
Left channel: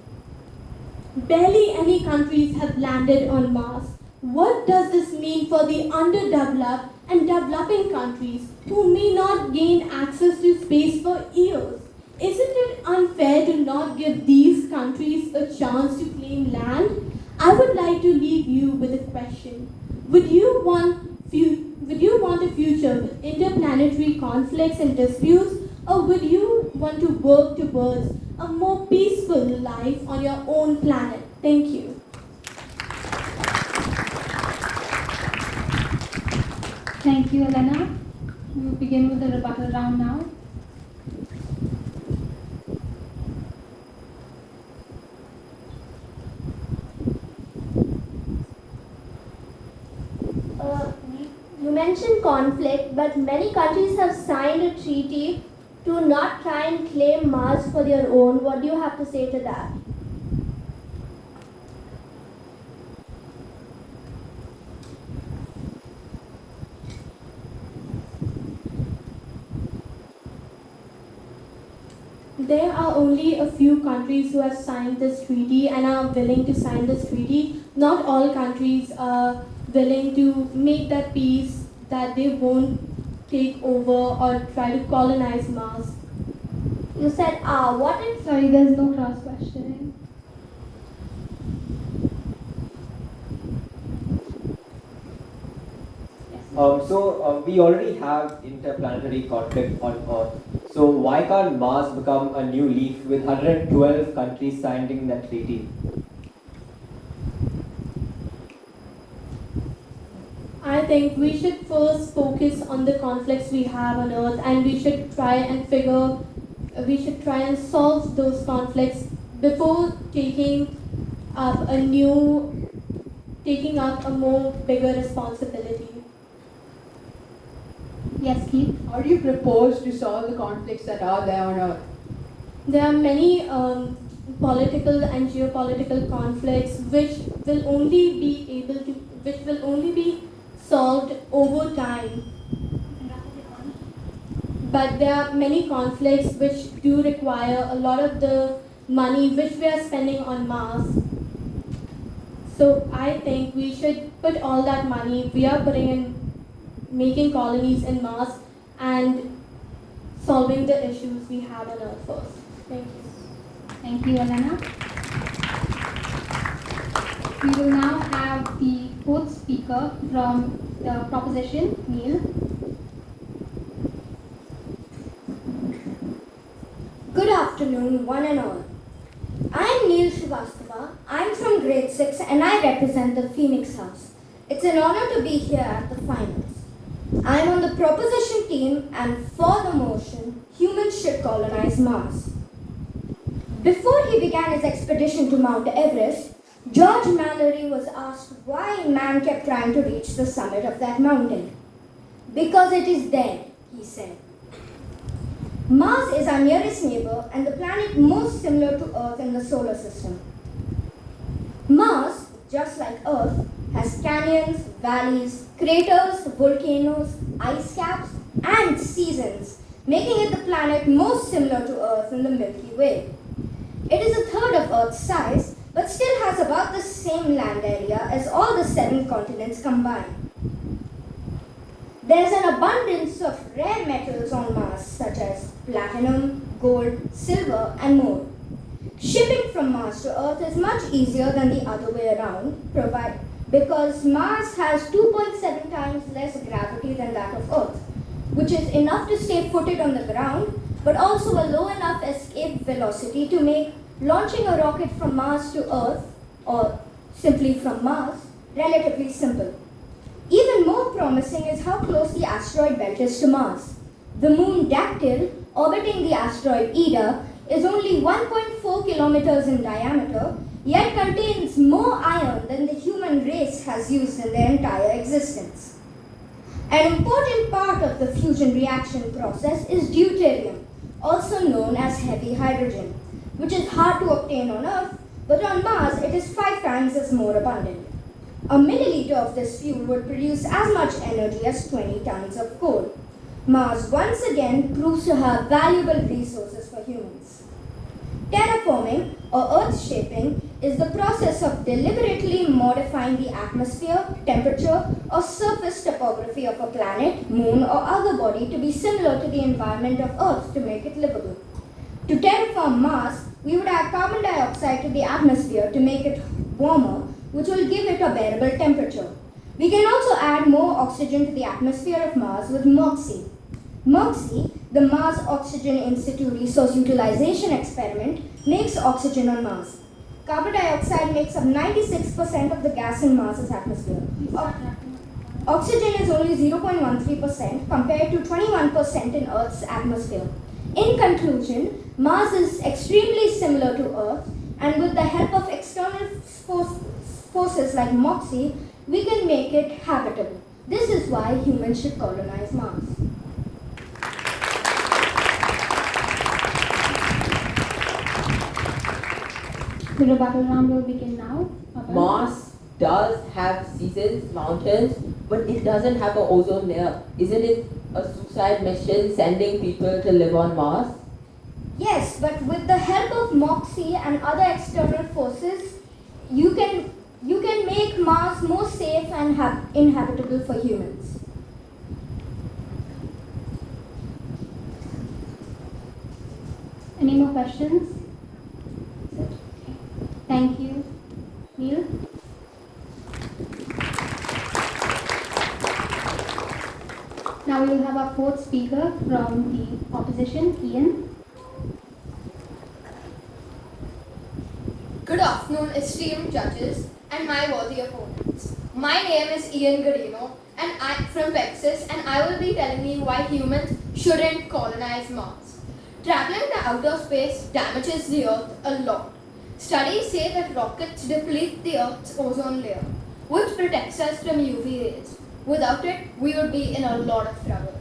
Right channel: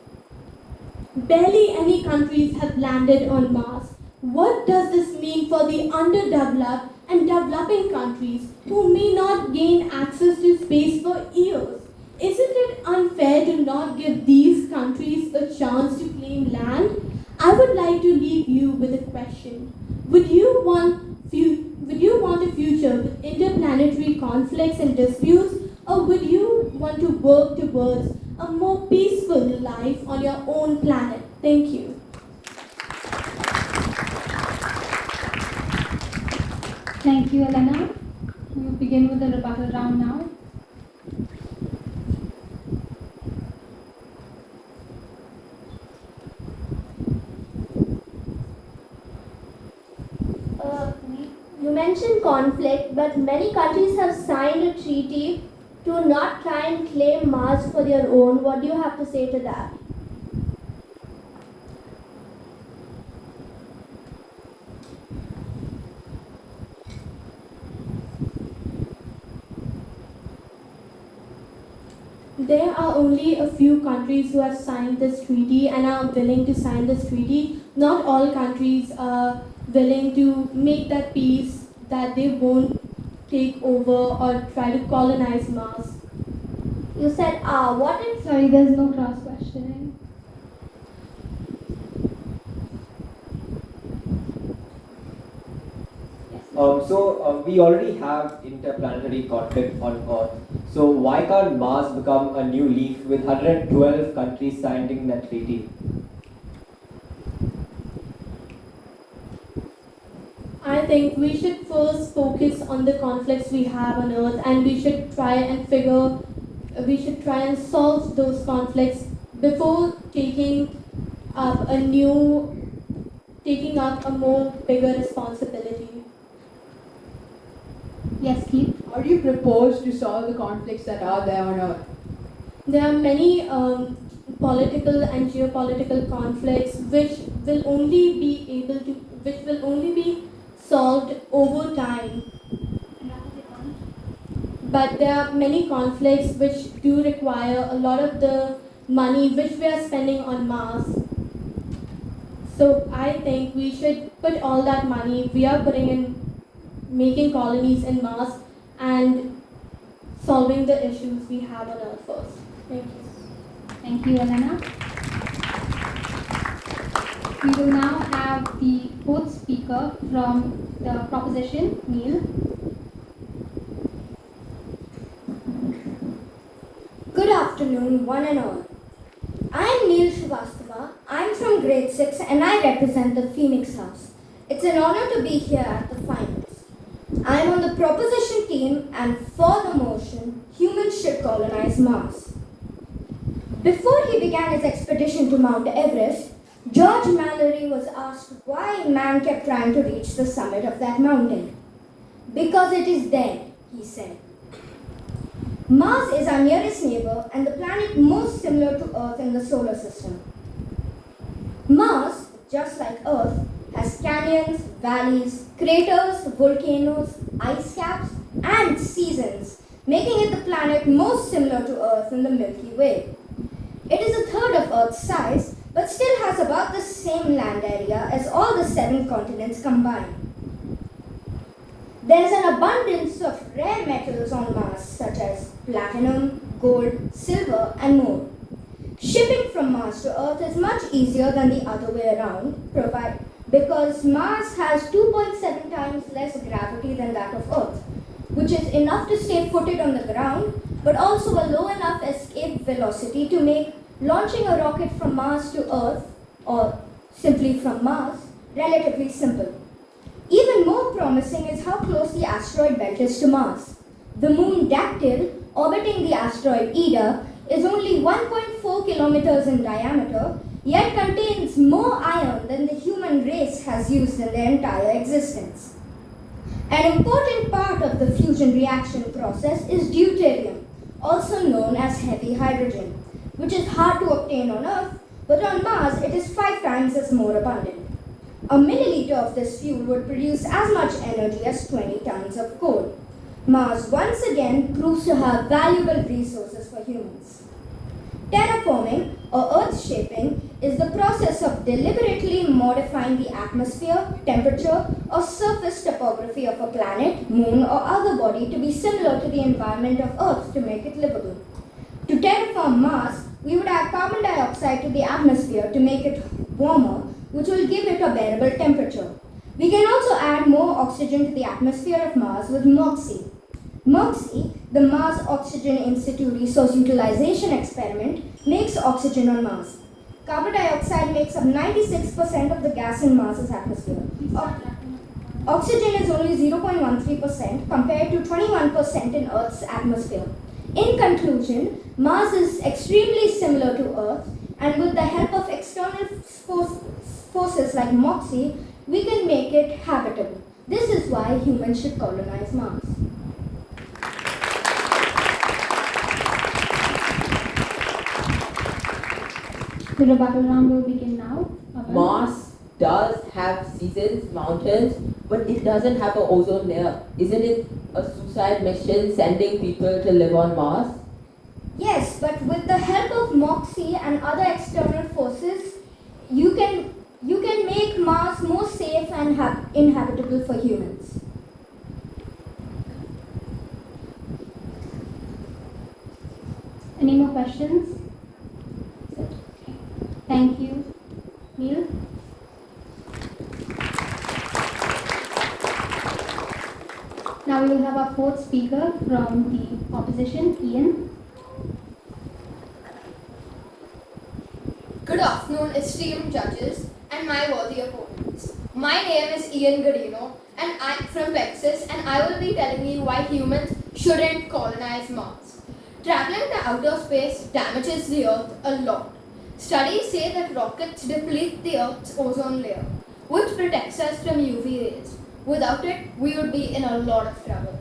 Barely any countries have landed on Mars. What does this mean for the underdeveloped and developing countries who may not gain access to space for years? Isn't it unfair to not give these countries a chance to claim land? I would like to leave you with a question. Would you want a future with interplanetary conflicts and disputes, or would you want to work towards a more peaceful life on your own planet? Thank you. Thank you, Elena. We will begin with the rebuttal round now. mentioned conflict, but many countries have signed a treaty to not try and claim Mars for their own. What do you have to say to that? There are only a few countries who have signed this treaty and are willing to sign this treaty. Not all countries are willing to make that peace that they won't take over or try to colonize Mars. You said, what if... Sorry, there's no cross questioning. We already have interplanetary conflict on Earth. So why can't Mars become a new leaf with 112 countries signing that treaty? I think we should first focus on the conflicts we have on Earth, and we should try and solve those conflicts before taking up a more bigger responsibility. Yes, Keith. How do you propose to solve the conflicts that are there on Earth? There are many political and geopolitical conflicts which will only be solved over time. But there are many conflicts which do require a lot of the money which we are spending on Mars. So I think we should put all that money we are putting in making colonies in Mars and solving the issues we have on Earth first. Thank you. Thank you, Elena. We will now have the fourth speaker from the proposition, Neil. Good afternoon, one and all. I am Neil Srivastava. I am from grade 6 and I represent the Phoenix House. It's an honor to be here at the finals. I am on the proposition team and for the motion, humans should colonize Mars. Before he began his expedition to Mount Everest, George Mallory was asked why man kept trying to reach the summit of that mountain. Because it is dead, he said. Mars is our nearest neighbor and the planet most similar to Earth in the solar system. Mars, just like Earth, has canyons, valleys, craters, volcanoes, ice caps, and seasons, making it the planet most similar to Earth in the Milky Way. It is a third of Earth's size, but still has about the same land area as all the 7 continents combined. There's an abundance of rare metals on Mars, such as platinum, gold, silver, and more. Shipping from Mars to Earth is much easier than the other way around, because Mars has 2.7 times less gravity than that of Earth, which is enough to stay footed on the ground, but also a low enough escape velocity to make launching a rocket from Mars to Earth, or simply from Mars, relatively simple. Even more promising is how close the asteroid belt is to Mars. The moon Dactyl, orbiting the asteroid Ida, is only 1.4 kilometers in diameter, yet contains more iron than the human race has used in their entire existence. An important part of the fusion reaction process is deuterium, also known as heavy hydrogen, which is hard to obtain on Earth, but on Mars it is 5 times as more abundant. A milliliter of this fuel would produce as much energy as 20 tons of coal. Mars once again proves to have valuable resources for humans. Terraforming, or earth shaping, is the process of deliberately modifying the atmosphere, temperature, or surface topography of a planet, moon, or other body to be similar to the environment of Earth to make it livable. To terraform Mars, we would add carbon dioxide to the atmosphere to make it warmer, which will give it a bearable temperature. We can also add more oxygen to the atmosphere of Mars with MOXIE. MOXIE, the Mars Oxygen In Situ Resource Utilization Experiment, makes oxygen on Mars. Carbon dioxide makes up 96% of the gas in Mars's atmosphere. Oxygen is only 0.13% compared to 21% in Earth's atmosphere. In conclusion, Mars is extremely similar to Earth, and with the help of external forces like MOXIE, we can make it habitable. This is why humans should colonize Mars. The rebuttal round will begin now. Mars does have seasons, mountains, but it doesn't have an ozone layer. Isn't it a suicide mission sending people to live on Mars? Yes, but with the help of Moxie and other external forces, you can make Mars more safe and inhabitable for humans. Any more questions? Thank you. Neil? Now we will have our fourth speaker from the opposition, Ian. Good afternoon, esteemed judges and my worthy opponents. My name is Ian Godino and I'm from Pegasus, and I will be telling you why humans shouldn't colonize Mars. Traveling to outer space damages the Earth a lot. Studies say that rockets deplete the Earth's ozone layer, which protects us from UV rays. Without it, we would be in a lot of trouble.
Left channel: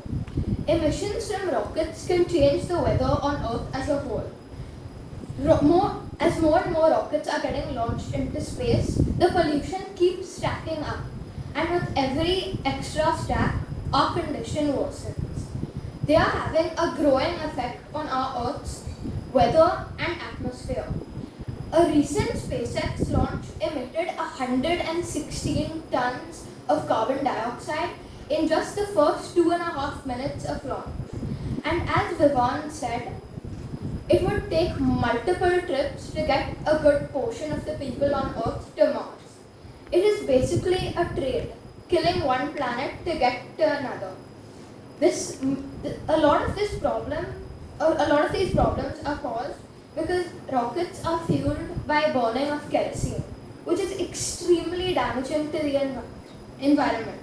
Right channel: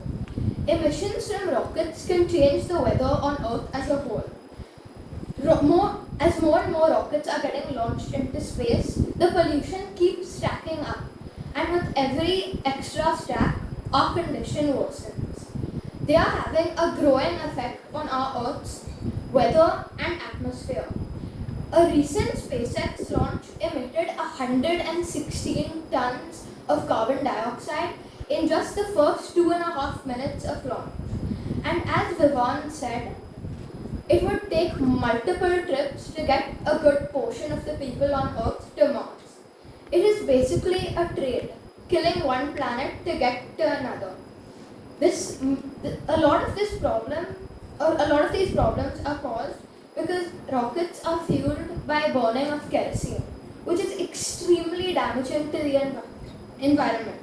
Emissions from rockets can change the weather on Earth as a whole. As more and more rockets are getting launched into space, the pollution keeps stacking up. And with every extra stack, our condition worsens. They are having a growing effect on our Earth's weather and atmosphere. A recent SpaceX launch emitted 116 tons of carbon dioxide in just the first 2.5 minutes of launch. And as Vivan said, it would take multiple trips to get a good portion of the people on Earth to Mars. It is basically a trade, killing one planet to get to another. A lot of these problems are caused because rockets are fueled by burning of kerosene, which is extremely damaging to the environment.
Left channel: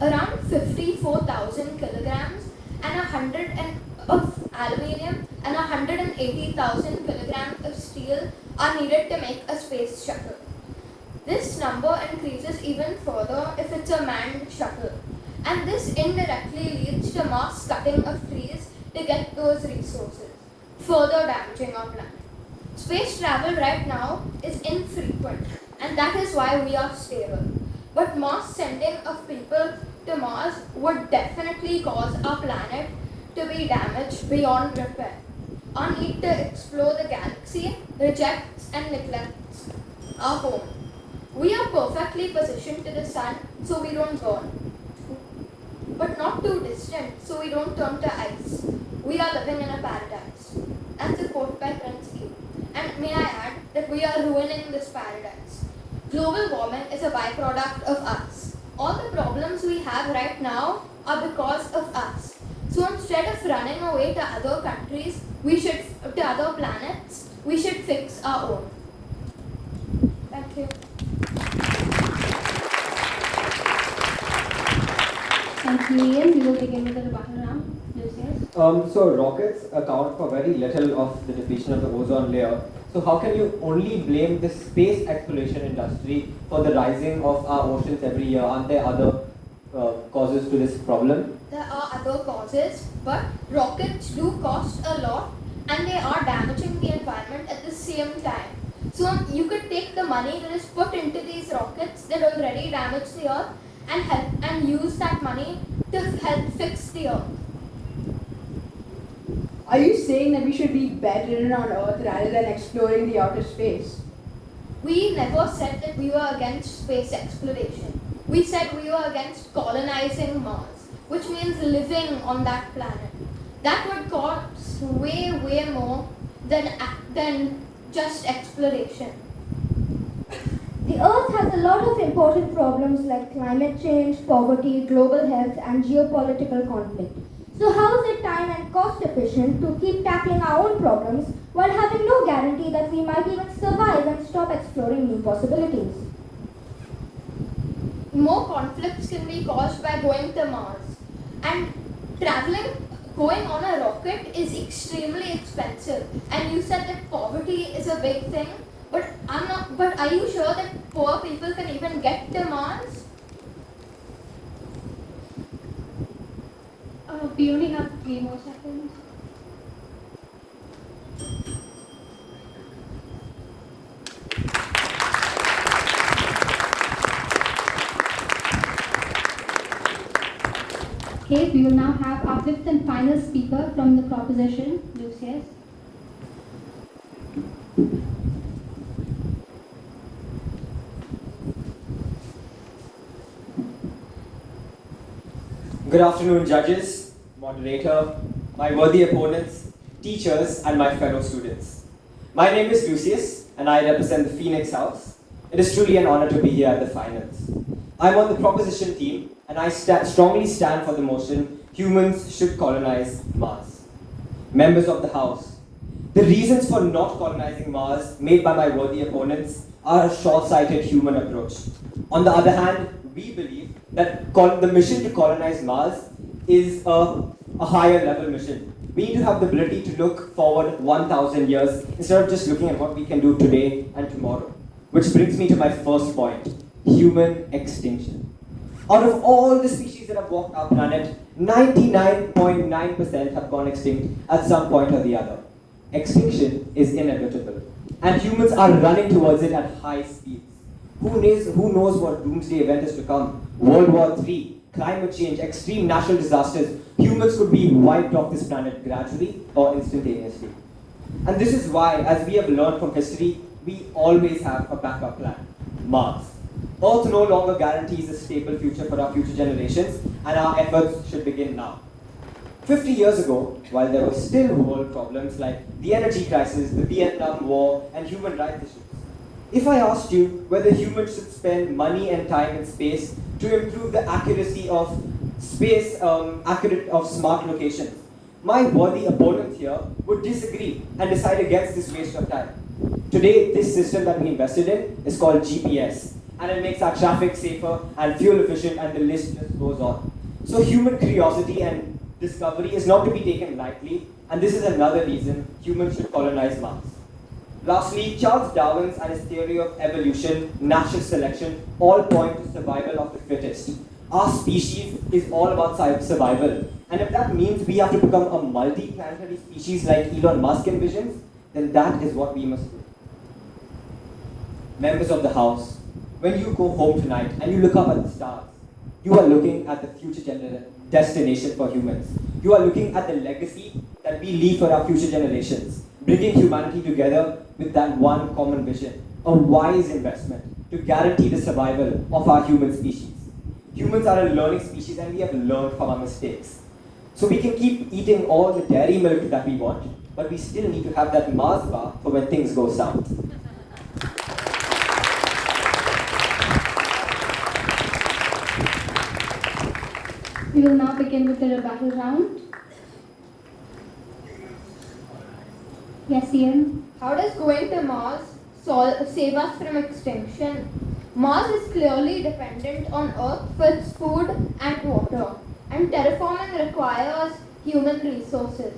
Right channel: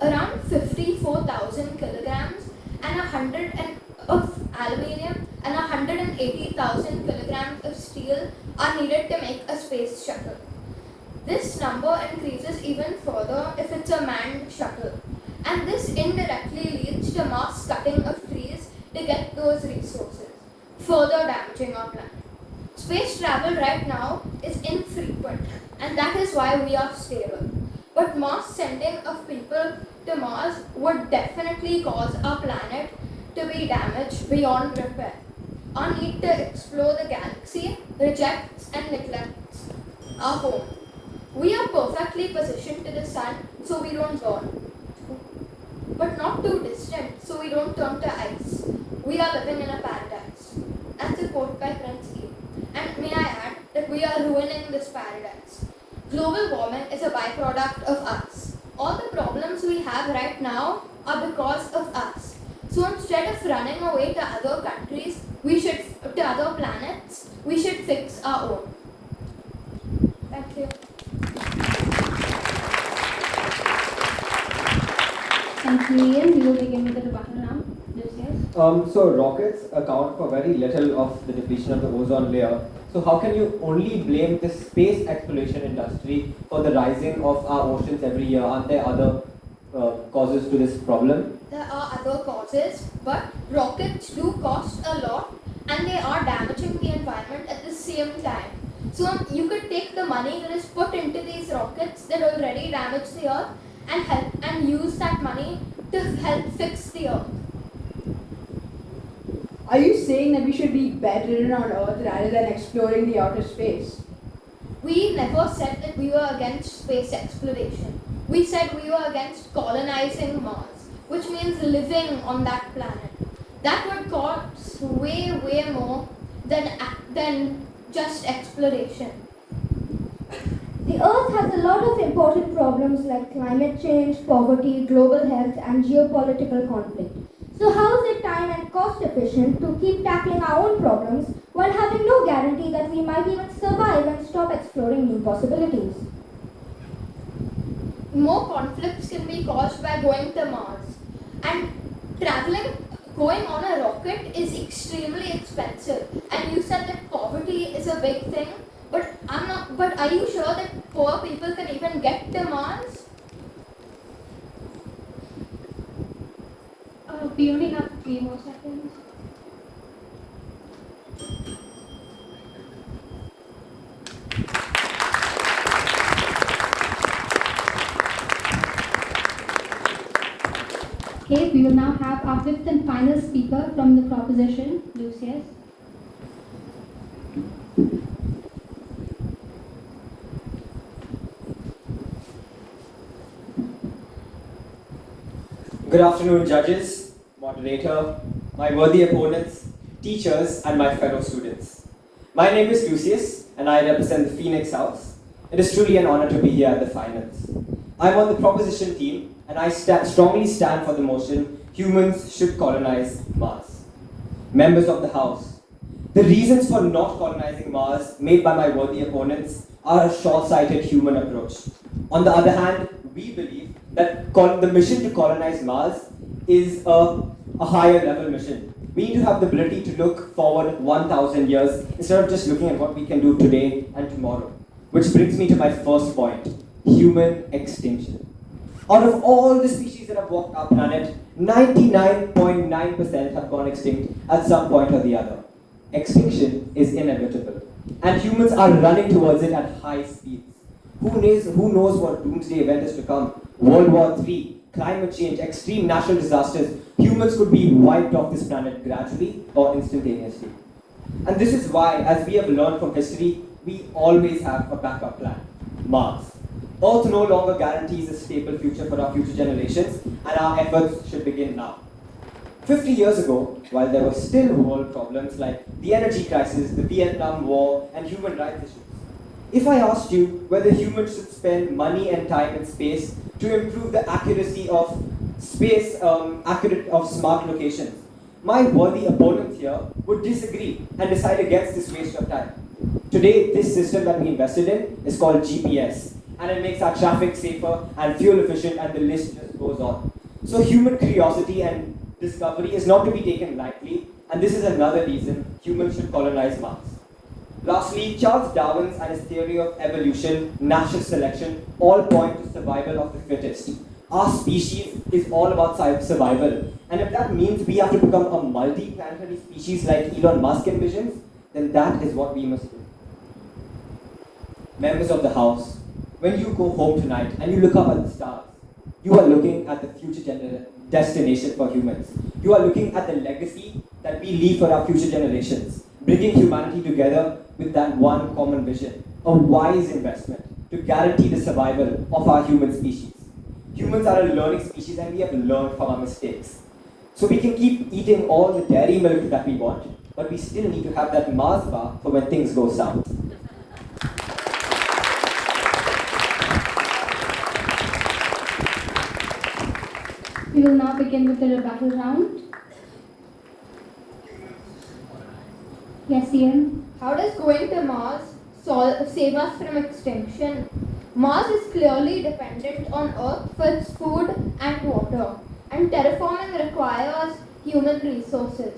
Around 54,000 kilograms and 100 of aluminium and 180,000 kilograms of steel are needed to make a space shuttle. This number increases even further if it's a manned shuttle, and this indirectly leads to mass cutting of trees to get those resources, further damaging our planet. Space travel right now is infrequent, and that is why we are stable. But mass sending of people to Mars would definitely cause our planet to be damaged beyond repair. Our need to explore the galaxy rejects and neglects our home. We are perfectly positioned to the sun so we don't burn, but not too distant so we don't turn to ice. We are living in a paradise. That's a quote by Prince Lee. And may I add that we are ruining this paradise. Global warming is a byproduct of us. All the problems we have right now are because of us. So instead of running away to other countries, to other planets, we should fix our own. Thank you. Thank you, Ian. We will begin with the rebuttal now. Lucius? So rockets account for very little of the depletion of the ozone layer. So how can you only blame the space exploration industry for the rising of our oceans every year? Aren't there other causes to this problem? There are other causes, but rockets do cost a lot and they are damaging the environment at the same time. So you could take the money that is put into these rockets that already damage the earth and use that money to help fix the earth. Are you saying that we should be bedridden on Earth rather than exploring the outer space? We never said that we were against space exploration. We said we were against colonizing Mars, which means living on that planet. That would cost way, way more than just exploration. The Earth has a lot of important problems like climate change, poverty, global health, and geopolitical conflict. So how is it time and cost efficient to keep tackling our own problems while having no guarantee that we might even survive and stop exploring new possibilities? More conflicts can be caused by going to Mars. And going on a rocket is extremely expensive. And you said that poverty is a big thing, but are you sure that poor people can even get to Mars? more seconds. Okay, we will now have our fifth and final speaker from the proposition, Lucius. Good afternoon, judges, moderator, my worthy opponents, teachers, and my fellow students. My name is Lucius, and I represent the Phoenix House. It is truly an honor to be here at the finals. I'm on the proposition team, and I strongly stand for the motion, humans should colonize Mars. Members of the House, the reasons for not colonizing Mars made by my worthy opponents are a short-sighted human approach. On the other hand, we believe that the mission to colonize Mars is a higher level mission. We need to have the ability to look forward 1,000 years instead of just looking at what we can do today and tomorrow. Which brings me to my first point, human extinction. Out of all the species that have walked our planet, 99.9% have gone extinct at some point or the other. Extinction is inevitable, and humans are running towards it at high speeds. Who knows what doomsday event is to come? World War III, climate change, extreme natural disasters. Humans could be wiped off this planet gradually or instantaneously. And this is why, as we have learned from history, we always have a backup plan, Mars. Earth no longer guarantees a stable future for our future generations, and our efforts should begin now. 50 years ago, while there were still world problems like the energy crisis, the Vietnam War, and human rights issues, if I asked you whether humans should spend money and time in space to improve the accuracy of of smart locations, my worthy opponent here would disagree and decide against this waste of time. Today, this system that we invested in is called GPS, and it makes our traffic safer and fuel efficient, and the list just goes on. So human curiosity and discovery is not to be taken lightly, and this is another reason humans should colonize Mars. Lastly, Charles Darwin's and his theory of evolution, natural selection, all point to survival of the fittest. Our species is all about survival, and if that means we have to become a multi-planetary species like Elon Musk envisions, then that is what we must do. Members of the House, when you go home tonight and you look up at the stars, you are looking at the future destination for humans. You are looking at the legacy that we leave for our future generations, bringing humanity together with that one common vision, a wise investment to guarantee the survival of our human species. Humans are a learning species, and we have learned from our mistakes. So we can keep eating all the dairy milk that we want, but we still need to have that Mars bar for when things go south. We will now begin with the rebuttal round. Yes, Ian? How does going to Mars save us from extinction? Mars is clearly dependent on Earth for its food and water, and terraforming requires human resources.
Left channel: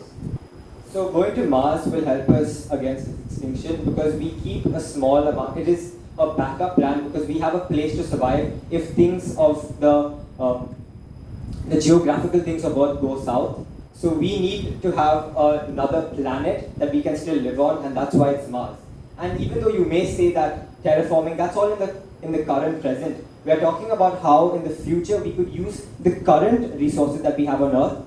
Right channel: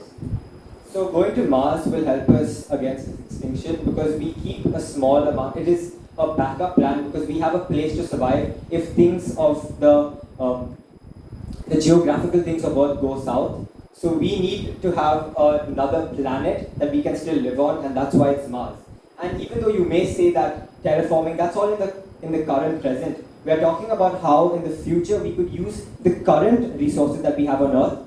So going to Mars will help us against extinction because we keep a small amount. It is a backup plan because we have a place to survive if things of the geographical things of Earth go south. So we need to have another planet that we can still live on, and that's why it's Mars. And even though you may say that terraforming, that's all in the current present. We are talking about how in the future we could use the current resources that we have on Earth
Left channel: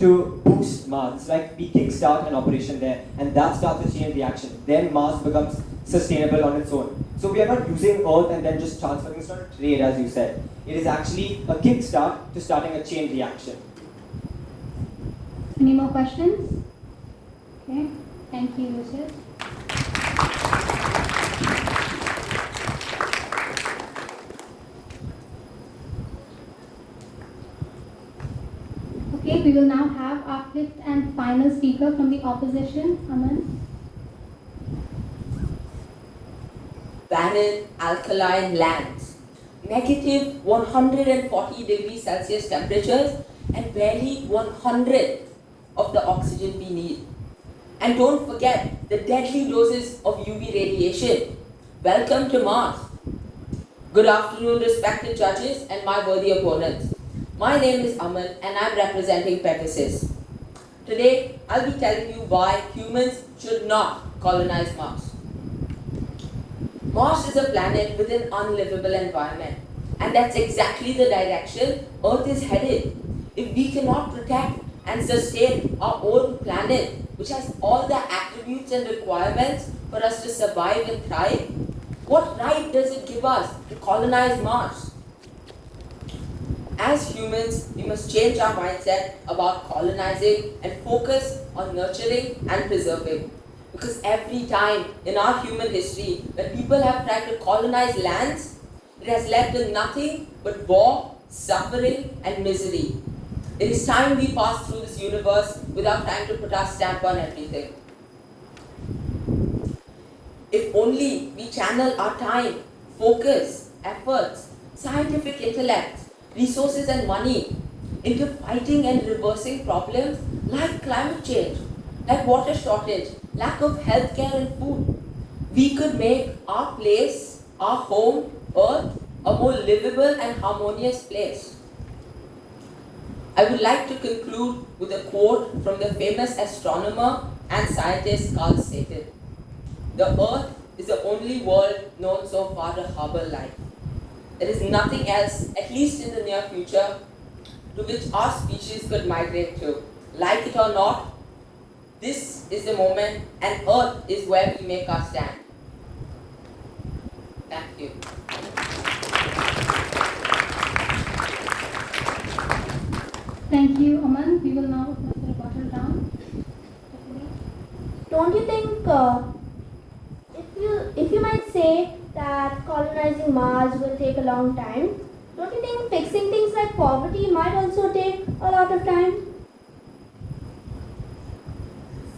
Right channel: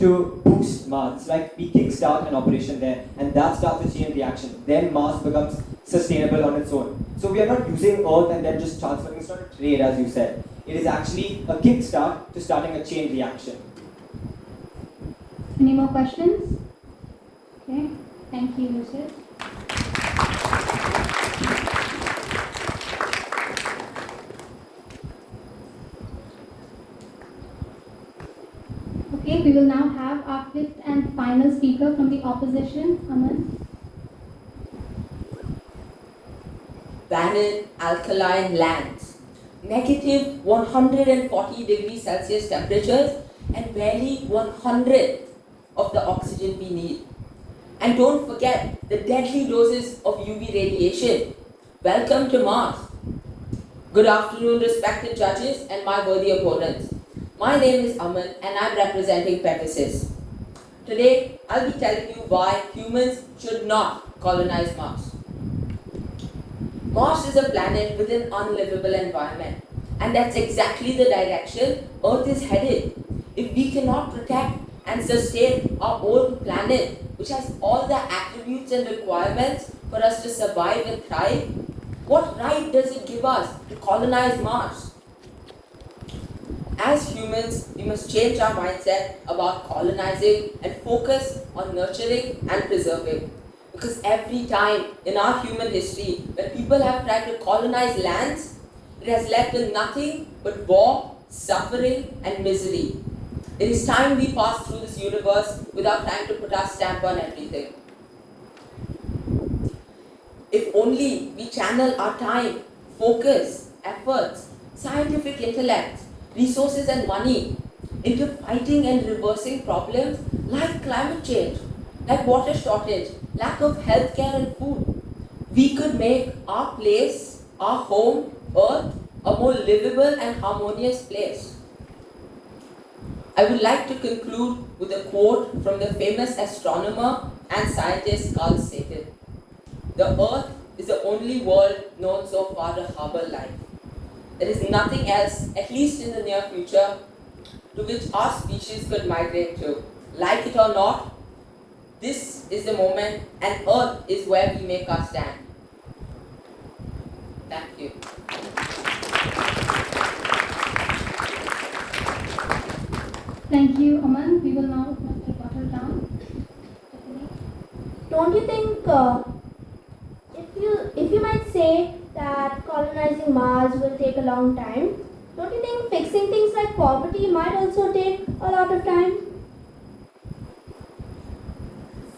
to boost Mars. Like we kickstart an operation there, and that starts a chain reaction. Then Mars becomes sustainable on its own. So we are not using Earth and then just transferring. It's not a trade, as you said. It is actually a kickstart to starting a chain reaction. Any more questions? Okay, thank you, Lucius. Okay, we will now have our fifth and final speaker from the opposition, Aman. Barren alkaline lands, negative 140 degrees Celsius temperatures, and barely 100th of the oxygen we need. And don't forget the deadly doses of UV radiation. Welcome to Mars. Good afternoon, respected judges and my worthy opponents. My name is Aman and I'm representing Pegasus. Today, I'll be telling you why humans should not colonize Mars. Mars is a planet with an unlivable environment, and that's exactly the direction Earth is headed. If we cannot protect and sustain our own planet, which has all the attributes and requirements for us to survive and thrive, what right does it give us to colonize Mars? As humans, we must change our mindset about colonizing and focus on nurturing and preserving. Because every time in our human history that people have tried to colonize lands, it has led to nothing but war, suffering, and misery. It is time we pass through this universe without trying to put our stamp on everything. If only we channel our time, focus, efforts, scientific intellect, resources and money into fighting and reversing problems like climate change, like water shortage, lack of healthcare and food, we could make our place, our home, Earth, a more livable and harmonious place. I would like to conclude with a quote from the famous astronomer and scientist Carl Sagan. The Earth is the only world known so far to harbor life. There is nothing else, at least in the near future, to which our species could migrate to. Like it or not, this is the moment, and Earth is where we make our stand. Thank you. Thank you, Aman. We will now put the bottle down. Don't you think, if you might say that colonizing Mars will take a long time, don't you think fixing things like poverty might also take a lot of time?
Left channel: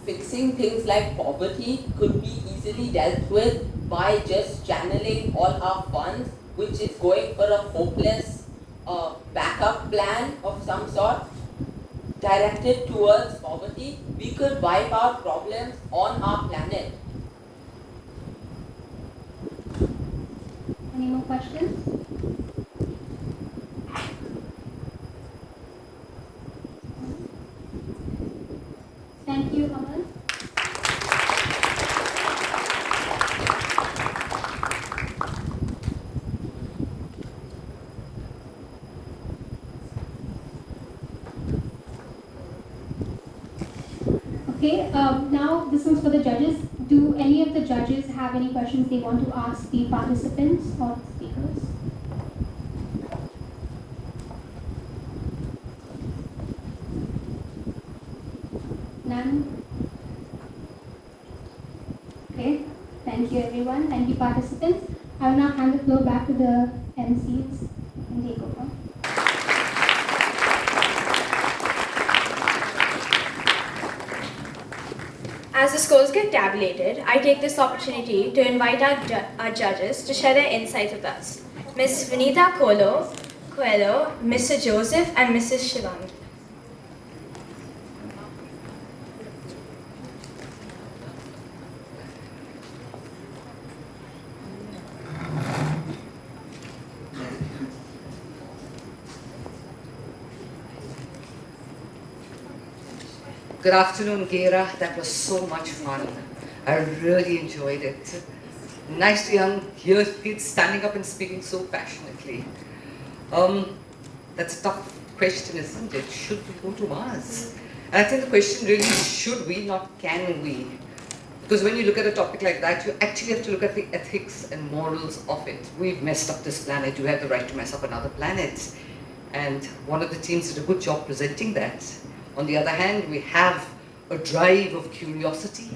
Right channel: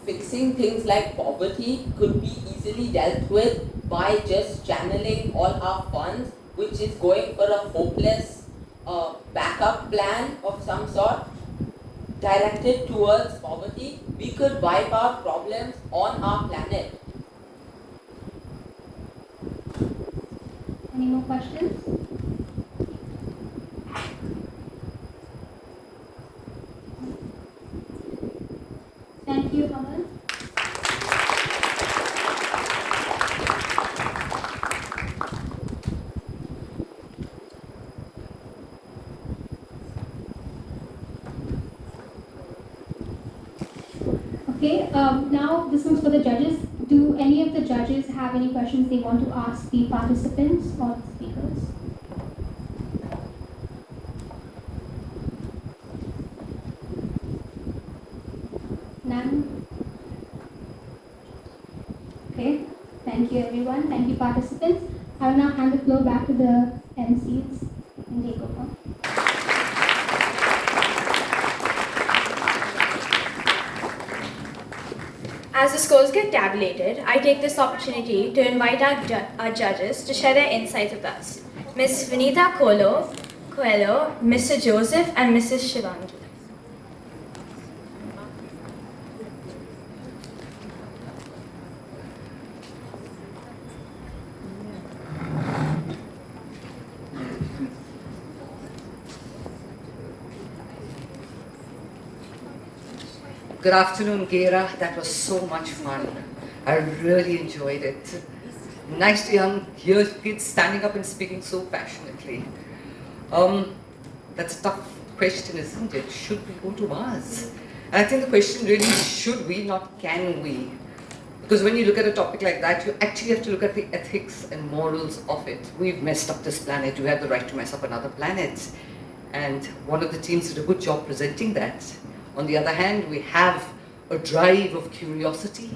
Fixing things like poverty could be easily dealt with by just channeling all our funds, which is going for a hopeless backup plan of some sort, directed towards poverty. We could wipe out problems on our planet. Any more questions? Thank you, Aman. Okay, now this one's for the judges. Do any of the judges have any questions they want to ask the participants or speakers? None? Okay, thank you everyone, thank you participants. I will now hand the floor back to the MCs. You can take over. As the scores get tabulated, I take this opportunity to invite our judges to share their insights with us. Ms. Vinita Coelho, Mr. Joseph, and Mrs. Shivangi. Good afternoon, Gera. That was so much fun. I really enjoyed it. Nice to hear kids standing up and speaking so passionately. That's a tough question, isn't it? Should we go to Mars? And I think the question really is, should we, not can we? Because when you look at a topic like that, you actually have to look at the ethics and morals of it. We've messed up this planet. You have the right to mess up another planet. And one of the teams did a good job presenting that. On the other hand, we have a drive of curiosity.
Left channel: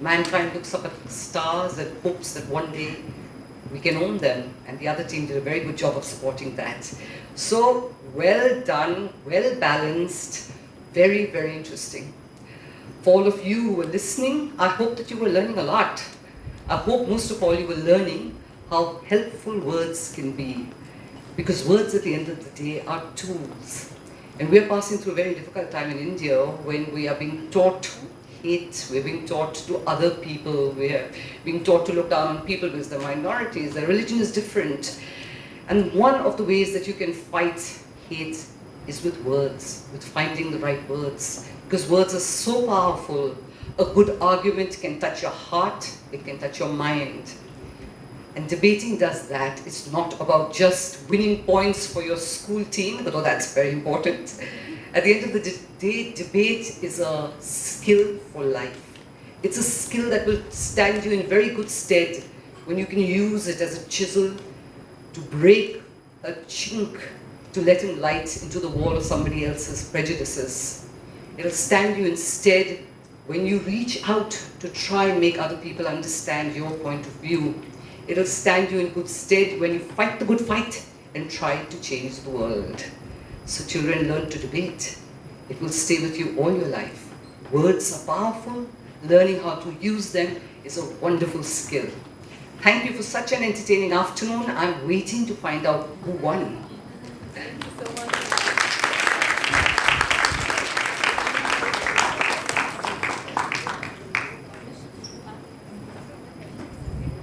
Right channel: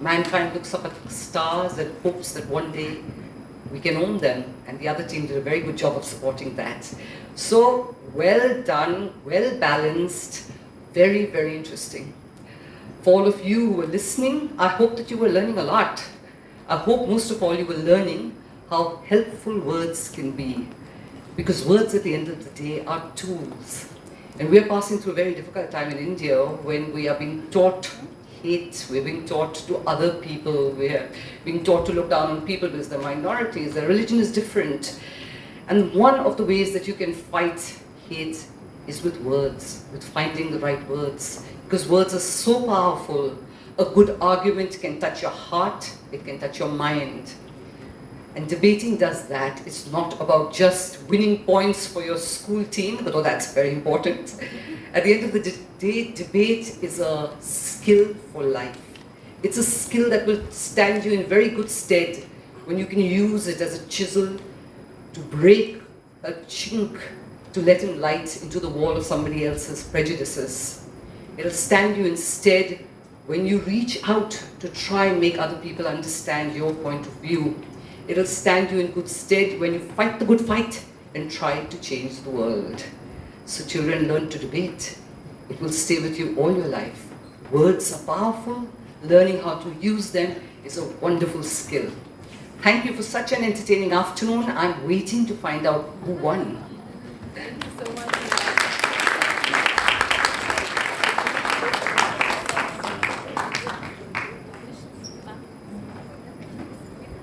Mankind looks up at stars and hopes that one day we can own them. And the other team did a very good job of supporting that. So, well done, well balanced, very, very interesting. For all of you who were listening, I hope that you were learning a lot. I hope most of all you were learning how helpful words can be. Because words at the end of the day are tools. And we are passing through a very difficult time in India when we are being taught hate, we're being taught to other people, we're being taught to look down on people because they're minorities, their religion is different. And one of the ways that you can fight hate is with words, with finding the right words. because words are so powerful. A good argument can touch your heart, it can touch your mind. And debating does that. It's not about just winning points for your school team, although that's very important. At the end of the day, debate is a skill for life. It's a skill that will stand you in very good stead when you can use it as a chisel to break a chink, to let in light into the wall of somebody else's prejudices. It'll stand you instead when you reach out to try and make other people understand your point of view. It'll stand you in good stead when you fight the good fight and try to change the world. So children, learn to debate. It will stay with you all your life. Words are powerful. Learning how to use them is a wonderful skill. Thank you for such an entertaining afternoon. I'm waiting to find out who won. Thank you so much.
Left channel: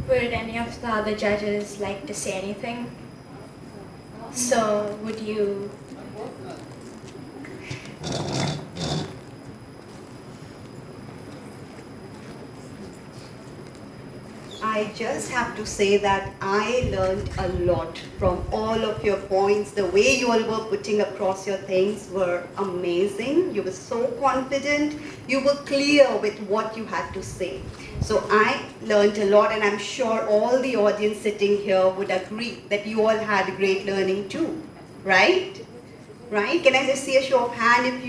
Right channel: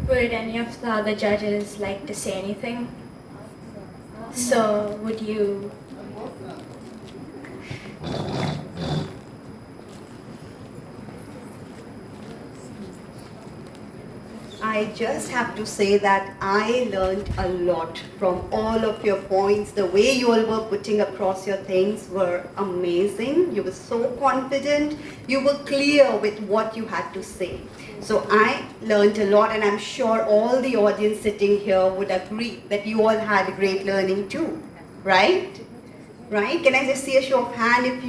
Would any of the other judges like to say anything? So, would you? I just have to say that I learned a lot from all of your points. The way you all were putting across your things were amazing. You were so confident. You were clear with what you had to say. So I learned a lot, and I'm sure all the audience sitting here would agree that you all had great learning too, right? Right? Can I just see a show of hand if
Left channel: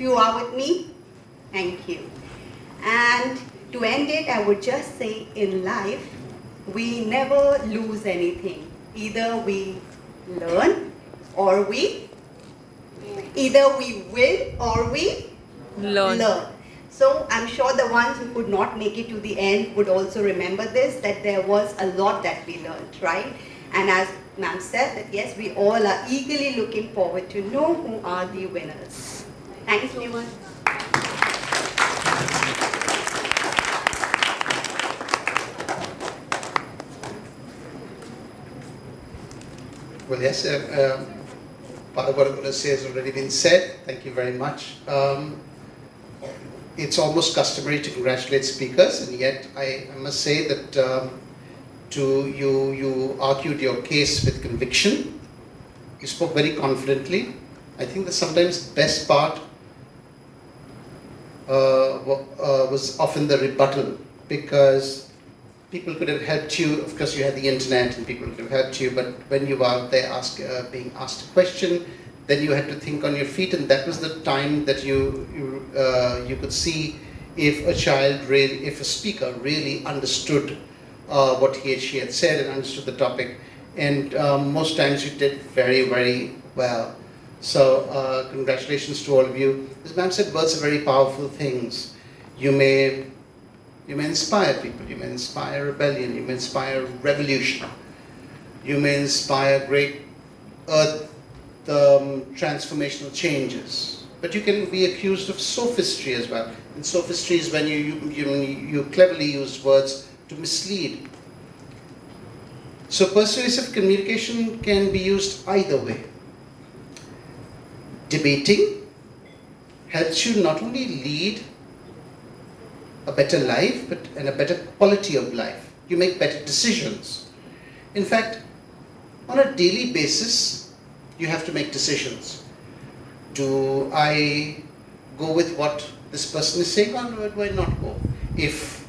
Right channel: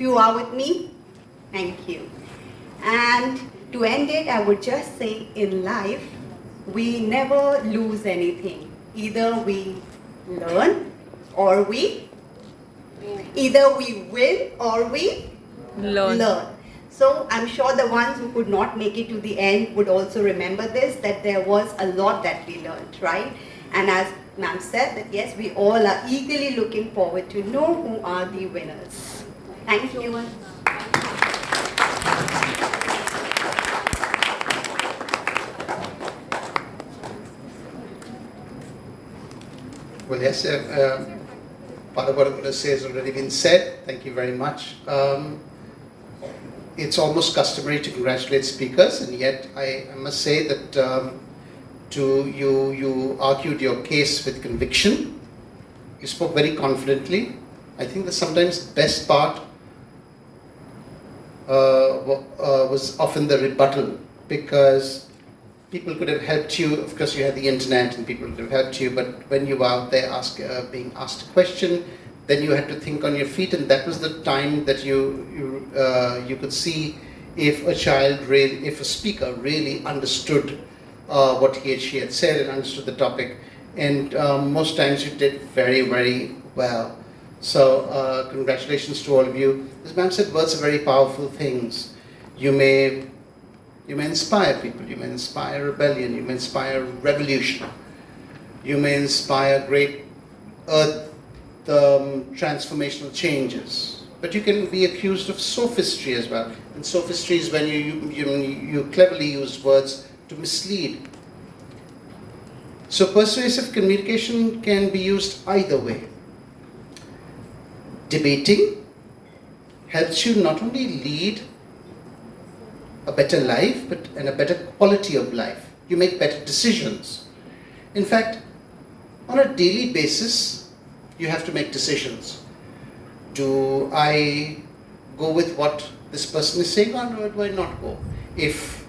you are with me? Thank you. And to end it, I would just say in life, we never lose anything. Either we learn or either we win or we learn. So I'm sure the ones who could not make it to the end would also remember this, that there was a lot that we learned, right? And as ma'am said, that yes, we all are eagerly looking forward to know who are the winners. Thank you. Well, yes, part of what I'm going to say has already been said. Thank you very much. It's almost customary to congratulate speakers, and yet I must say that you argued your case with conviction. You spoke very confidently. I think that sometimes the best part was often the rebuttal, because people could have helped you. Of course, you had the internet, and people could have helped you. But when you were out there being asked a question, then you had to think on your feet, and that was the time that you could see if a speaker really understood what he or she had said and understood the topic. And most times you did very, very well. So congratulations to all of you. As ma'am said, words are very powerful things. You may inspire people. You may inspire rebellion. You may inspire revolution. You may inspire great transformational changes. But you can be accused of sophistry as well. And sophistry is when you cleverly use words to mislead. So persuasive communication can be used either way. Debating helps you not only lead a better life, and a better quality of life. You make better decisions. In fact, on a daily basis, you have to make decisions. Do I go with what this person is saying, or do I not go? If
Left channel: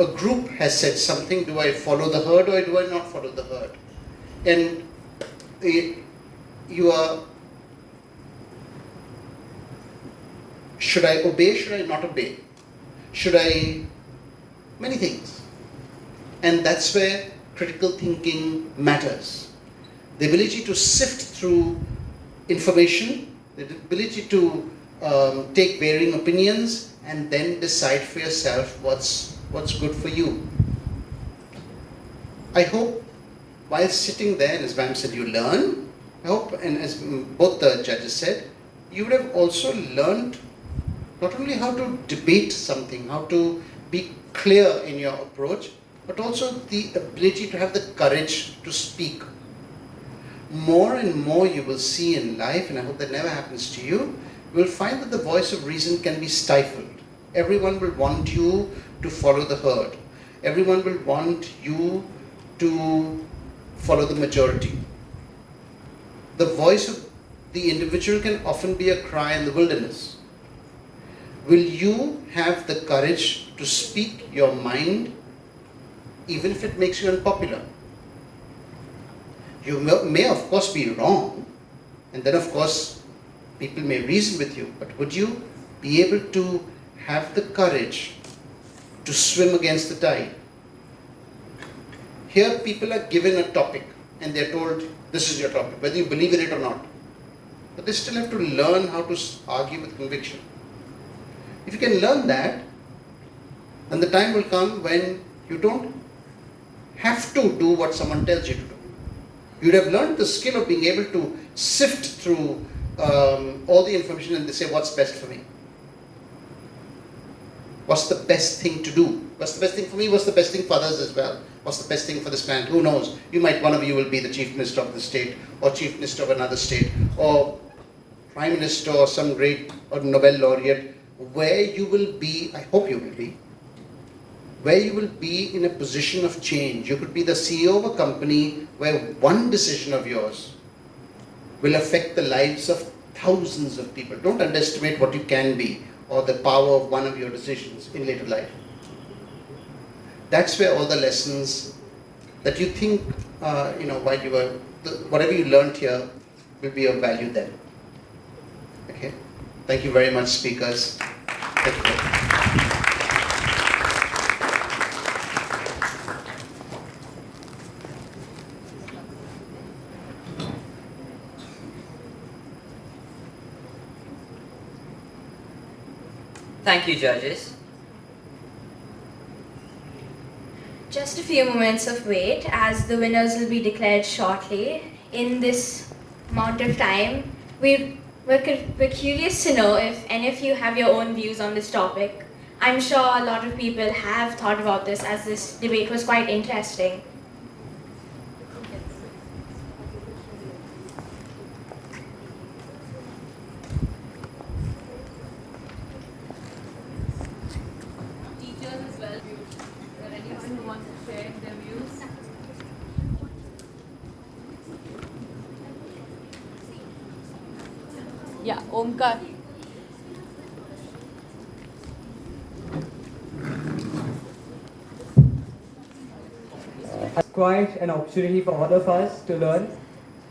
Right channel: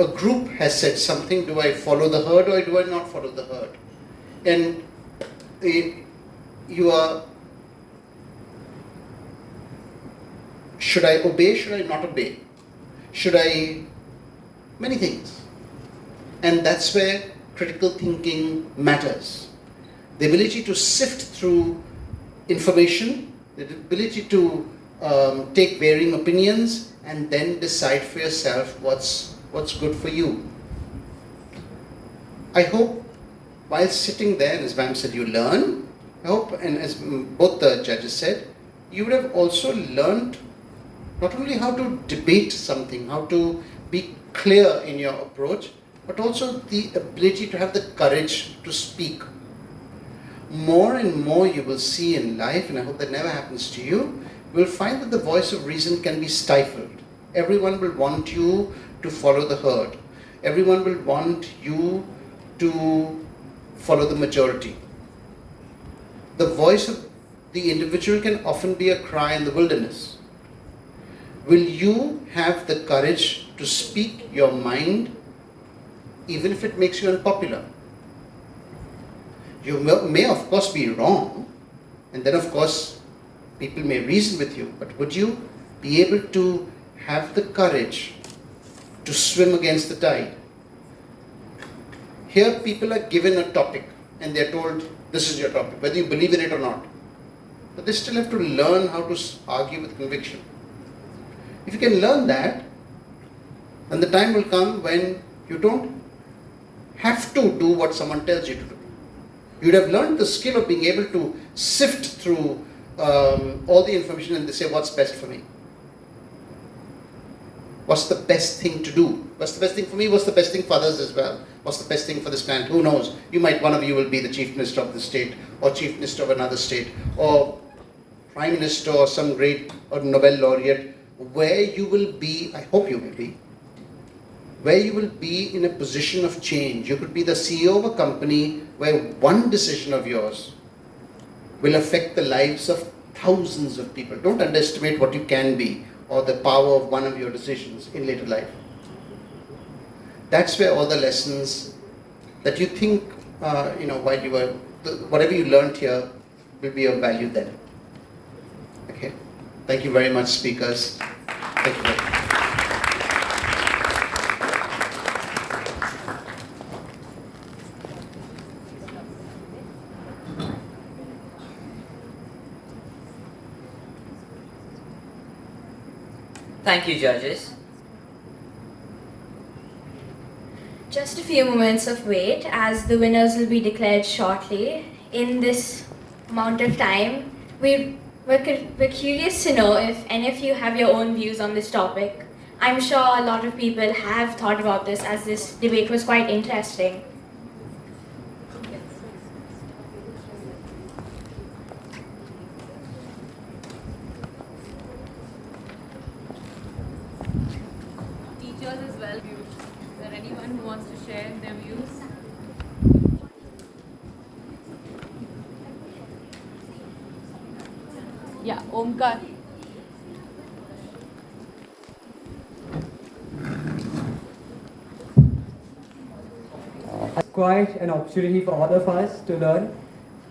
a group has said something, do I follow the herd or do I not follow the herd? And should I obey, should I not obey? Many things. And that's where critical thinking matters. The ability to sift through information, the ability to take varying opinions and then decide for yourself what's good for you. I hope while sitting there, and as ma'am said, you learn. I hope, and as both the judges said, you would have also learned not only how to debate something, how to be clear in your approach, but also the ability to have the courage to speak. More and more you will see in life, and I hope that never happens to you, we'll find that the voice of reason can be stifled. Everyone will want you to follow the herd. Everyone will want you to follow the majority. The voice of the individual can often be a cry in the wilderness. Will you have the courage to speak your mind, even if it makes you unpopular? You may of course be wrong, and then of course people may reason with you, but would you be able to have the courage to swim against the tide? Here people are given a topic and they're told, this is your topic, whether you believe in it or not. But they still have to learn how to argue with conviction. If you can learn that, then the time will come when you don't have to do what someone tells you to do. You'd have learned the skill of being able to sift through all the information and say, what's best for me? What's the best thing to do? What's the best thing for me? What's the best thing for others as well? What's the best thing for this client? Who knows? One of you will be the chief minister of the state, or chief minister of another state, or prime minister, or some great or Nobel laureate. Where you will be, I hope you will be, where you will be in a position of change. You could be the CEO of a company where one decision of yours will affect the lives of thousands of people. Don't underestimate what you can be or the power of one of your decisions in later life. That's where all the lessons that you think, while you were, whatever you learned here will be of value then. Okay? Thank you very much, speakers. Thank you very much. Thank you, judges. Just a few moments of wait as the winners will be declared shortly. In this amount of time, we're curious to know if any of you have your own views on this topic. I'm sure a lot of people have thought about this as this debate was quite interesting. Teachers as well. Is there anyone who wants to share their views? Yeah, Omkar. Quite an opportunity for all of us to learn.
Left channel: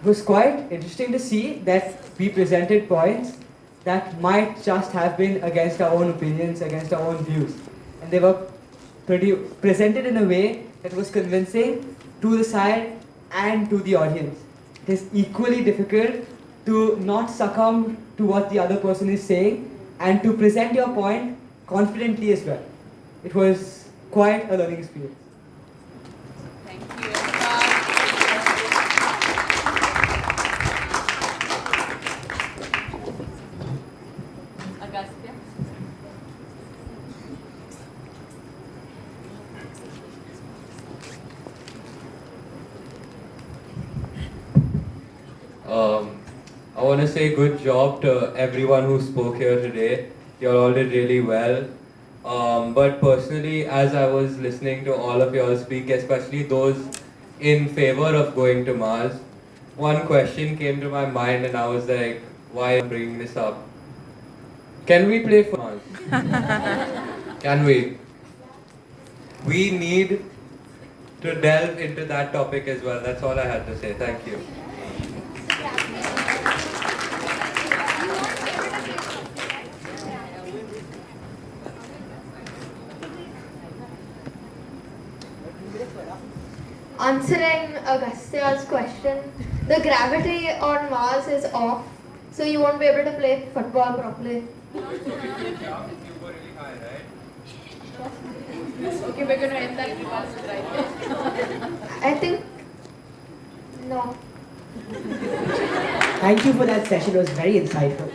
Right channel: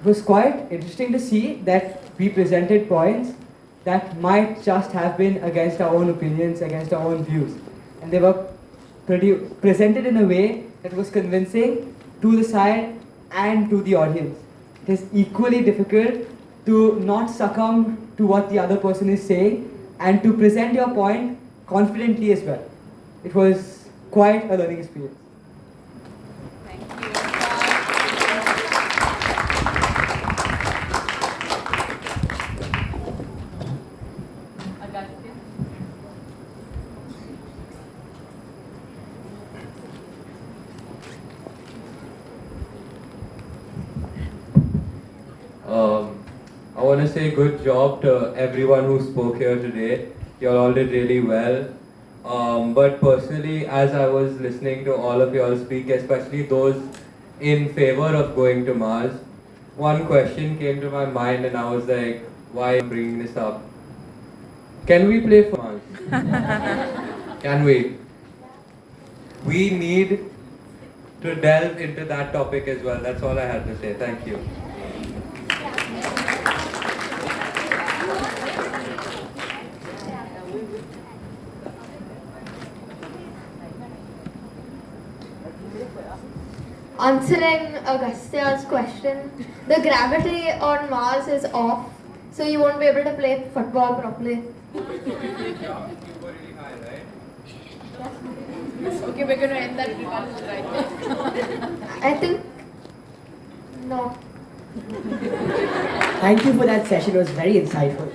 It was quite interesting to see that we presented points that might just have been against our own opinions, against our own views. And they were presented in a way that was convincing to the side and to the audience. It is equally difficult to not succumb to what the other person is saying and to present your point confidently as well. It was quite a learning experience. I want to say good job to everyone who spoke here today. You all did really well. But personally, as I was listening to all of you all speak, especially those in favor of going to Mars, one question came to my mind and I was like, why am I bringing this up? Can we play for Mars? Can we? We need to delve into that topic as well. That's all I had to say. Thank you. Answering Agastya's question, the gravity on Mars is off, so you won't be able to play football properly. Okay, we're going to end that rebuttal right. I think no. Thank you for that session. It was very insightful.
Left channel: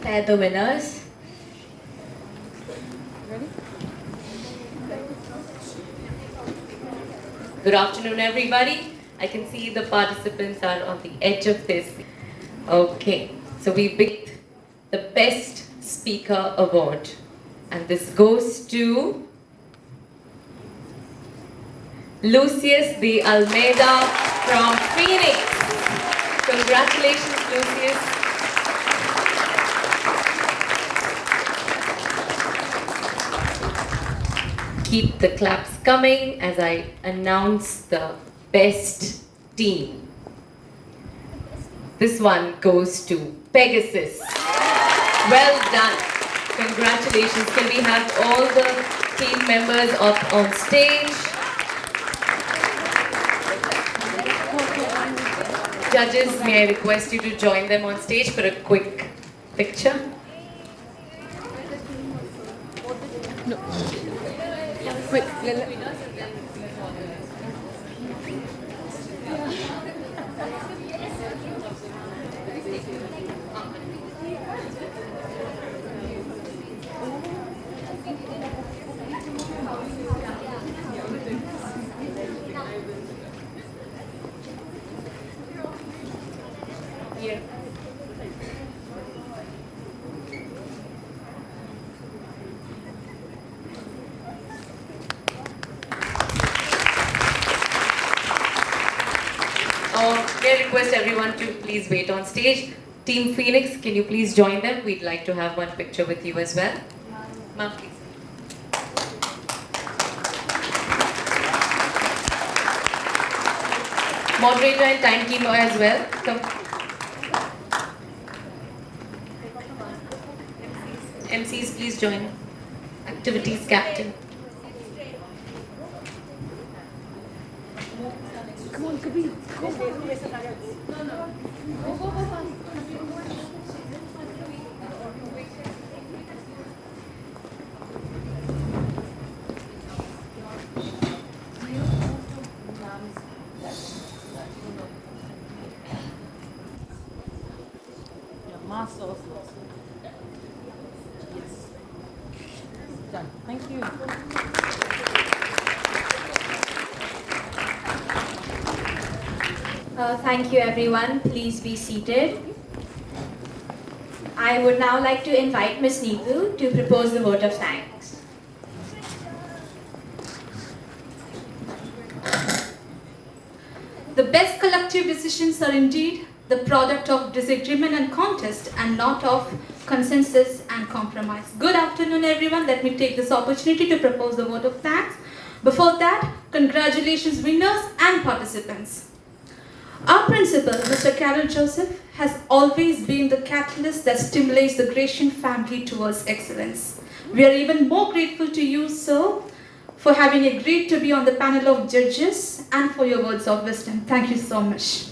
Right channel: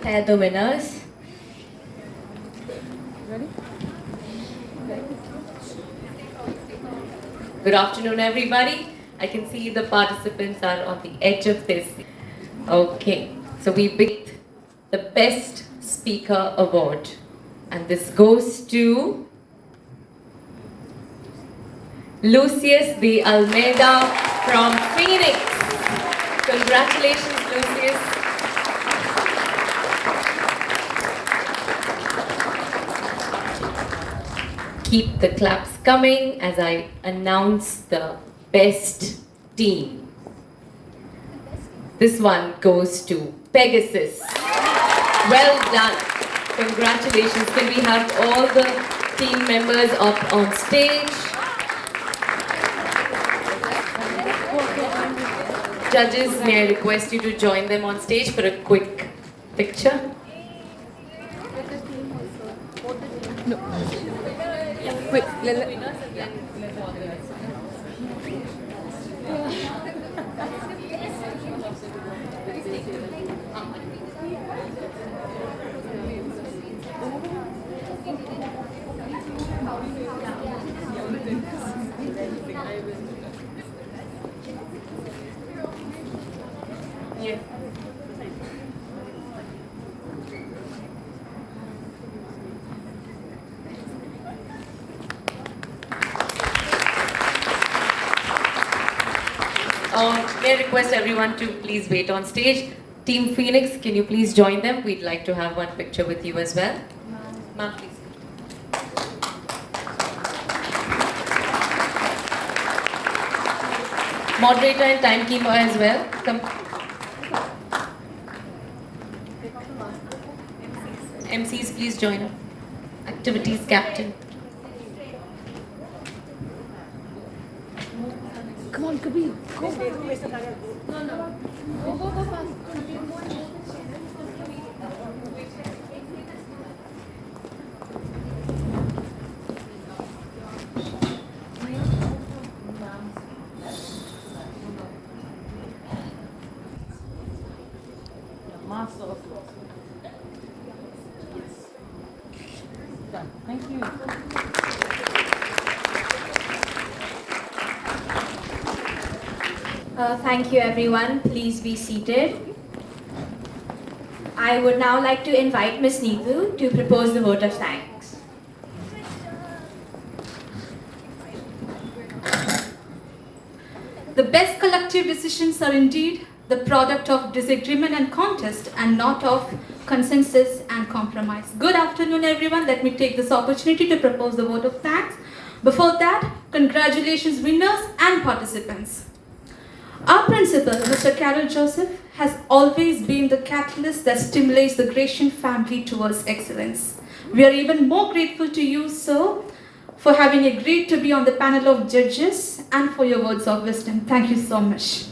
They're the winners. Ready? Good afternoon, everybody. I can see the participants are on the edge of this. Okay, so we picked the Best Speaker Award. And this goes to Lucius de Almeida from Phoenix. Congratulations, Lucius. Keep the claps coming as I announce the best team. This one goes to Pegasus. Well done. Congratulations. Can we have all the team members up on stage? Judges, may I request you to join them on stage for a quick picture? No. Wait. Yeah. May I request everyone to please wait on stage. Team Phoenix, can you please join them? We'd like to have one picture with you as well. Ma'am, please. Moderator and timekeeper as well. Come. MCs, please join. Activities captain. Come on, Kabir. No. Thank you. Thank you, everyone. Please be seated. I would now like to invite Ms. Neetu to propose the vote of thanks. The best collective decisions are indeed the product of disagreement and contest and not of consensus and compromise. Good afternoon, everyone. Let me take this opportunity to propose the vote of thanks. Before that, congratulations winners and participants. Our principal, Mr. Carol Joseph, has always been the catalyst that stimulates the Grecian family towards excellence. We are even more grateful to you, sir, for having agreed to be on the panel of judges and for your words of wisdom. Thank you so much.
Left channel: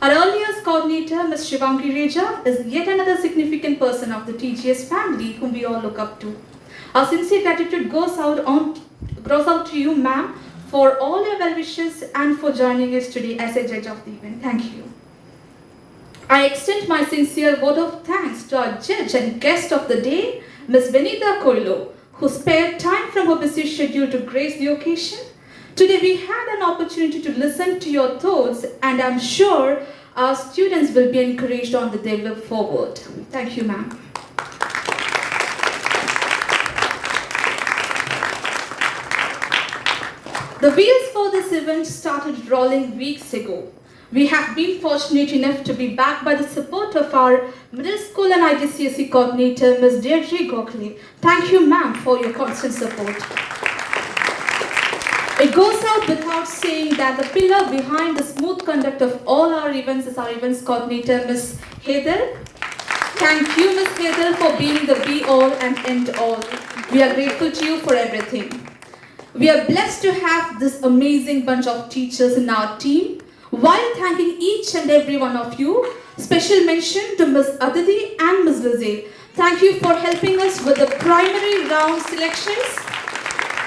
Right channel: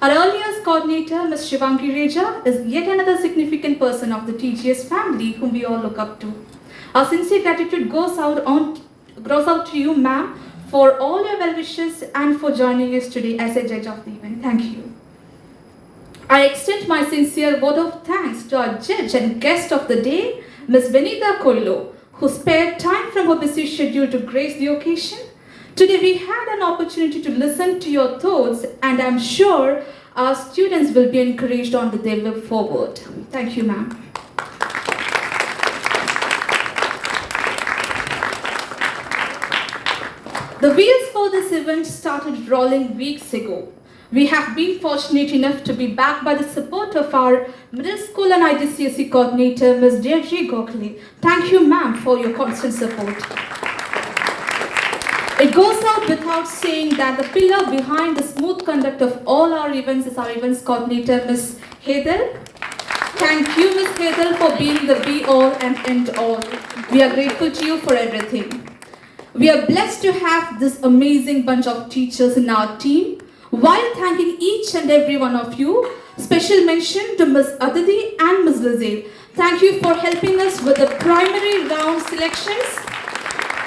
Our earliest coordinator, Ms. Shivangi Reja, is yet another significant person of the TGS family whom we all look up to. Our sincere gratitude goes out to you, ma'am, for all your well wishes and for joining us today as a judge of the event. Thank you. I extend my sincere vote of thanks to our judge and guest of the day, Ms. Venita Koilo, who spared time from her busy schedule to grace the occasion. Today we had an opportunity to listen to your thoughts, and I'm sure our students will be encouraged on their way forward. Thank you, ma'am. The wheels for this event started rolling weeks ago. We have been fortunate enough to be backed by the support of our middle school and IGCSE coordinator, Ms. Deirdre Gokhale. Thank you, ma'am, for your constant support. It goes out without saying that the pillar behind the smooth conduct of all our events is our events coordinator, Ms. Hedel. Thank you, Ms. Hedel, for being the be-all and end-all. We are grateful to you for everything. We are blessed to have this amazing bunch of teachers in our team. While thanking each and every one of you, special mention to Ms. Aditi and Ms. Lizzie. Thank you for helping us with the primary round selections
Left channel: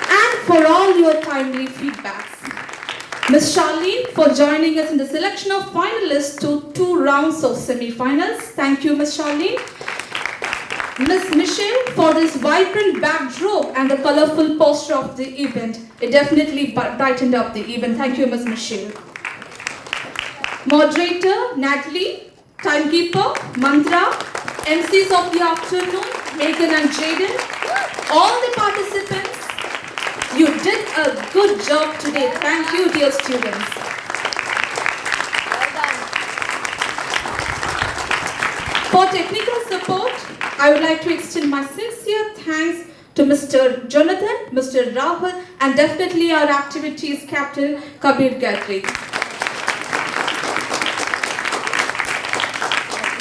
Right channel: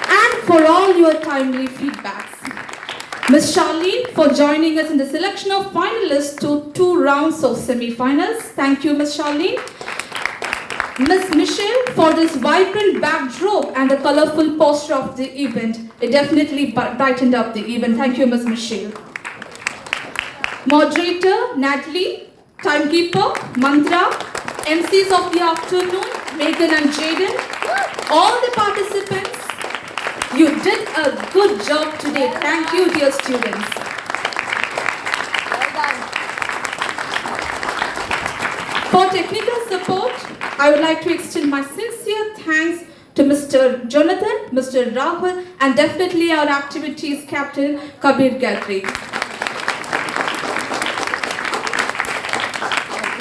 and for all your timely feedbacks. Ms. Charlene for joining us in the selection of finalists to 2 rounds of semi-finals. Thank you, Ms. Charlene. Ms. Michelle for this vibrant backdrop and the colorful poster of the event. It definitely brightened up the event. Thank you, Ms. Michelle. Moderator, Natalie. Timekeeper, Mantra. MCs of the afternoon, Megan and Jaden. All the participants, you did a good job today. Thank you, dear students. For technical support, I would like to extend my sincere thanks to Mr. Jonathan, Mr. Rahul, and definitely our activities captain, Kabir Gadri.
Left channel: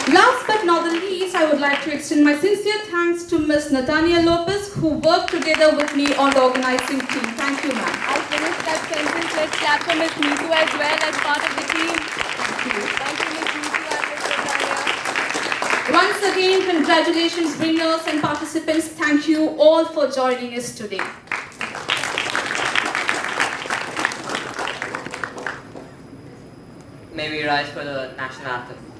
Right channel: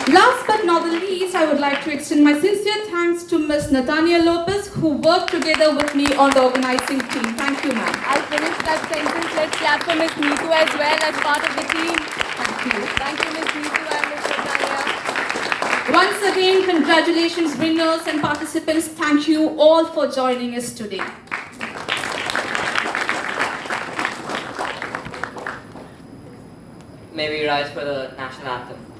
Last but not the least, I would like to extend my sincere thanks to Ms. Natania Lopez, who worked together with me on the organizing team. Thank you, ma'am. I finished that sentence. Let's clap for Ms. Neetu as well as part of the team. Thank you. Thank you, Ms. Neetu and Ms. Natania. Once again, congratulations, winners and participants. Thank you all for joining us today. May we rise for the national anthem.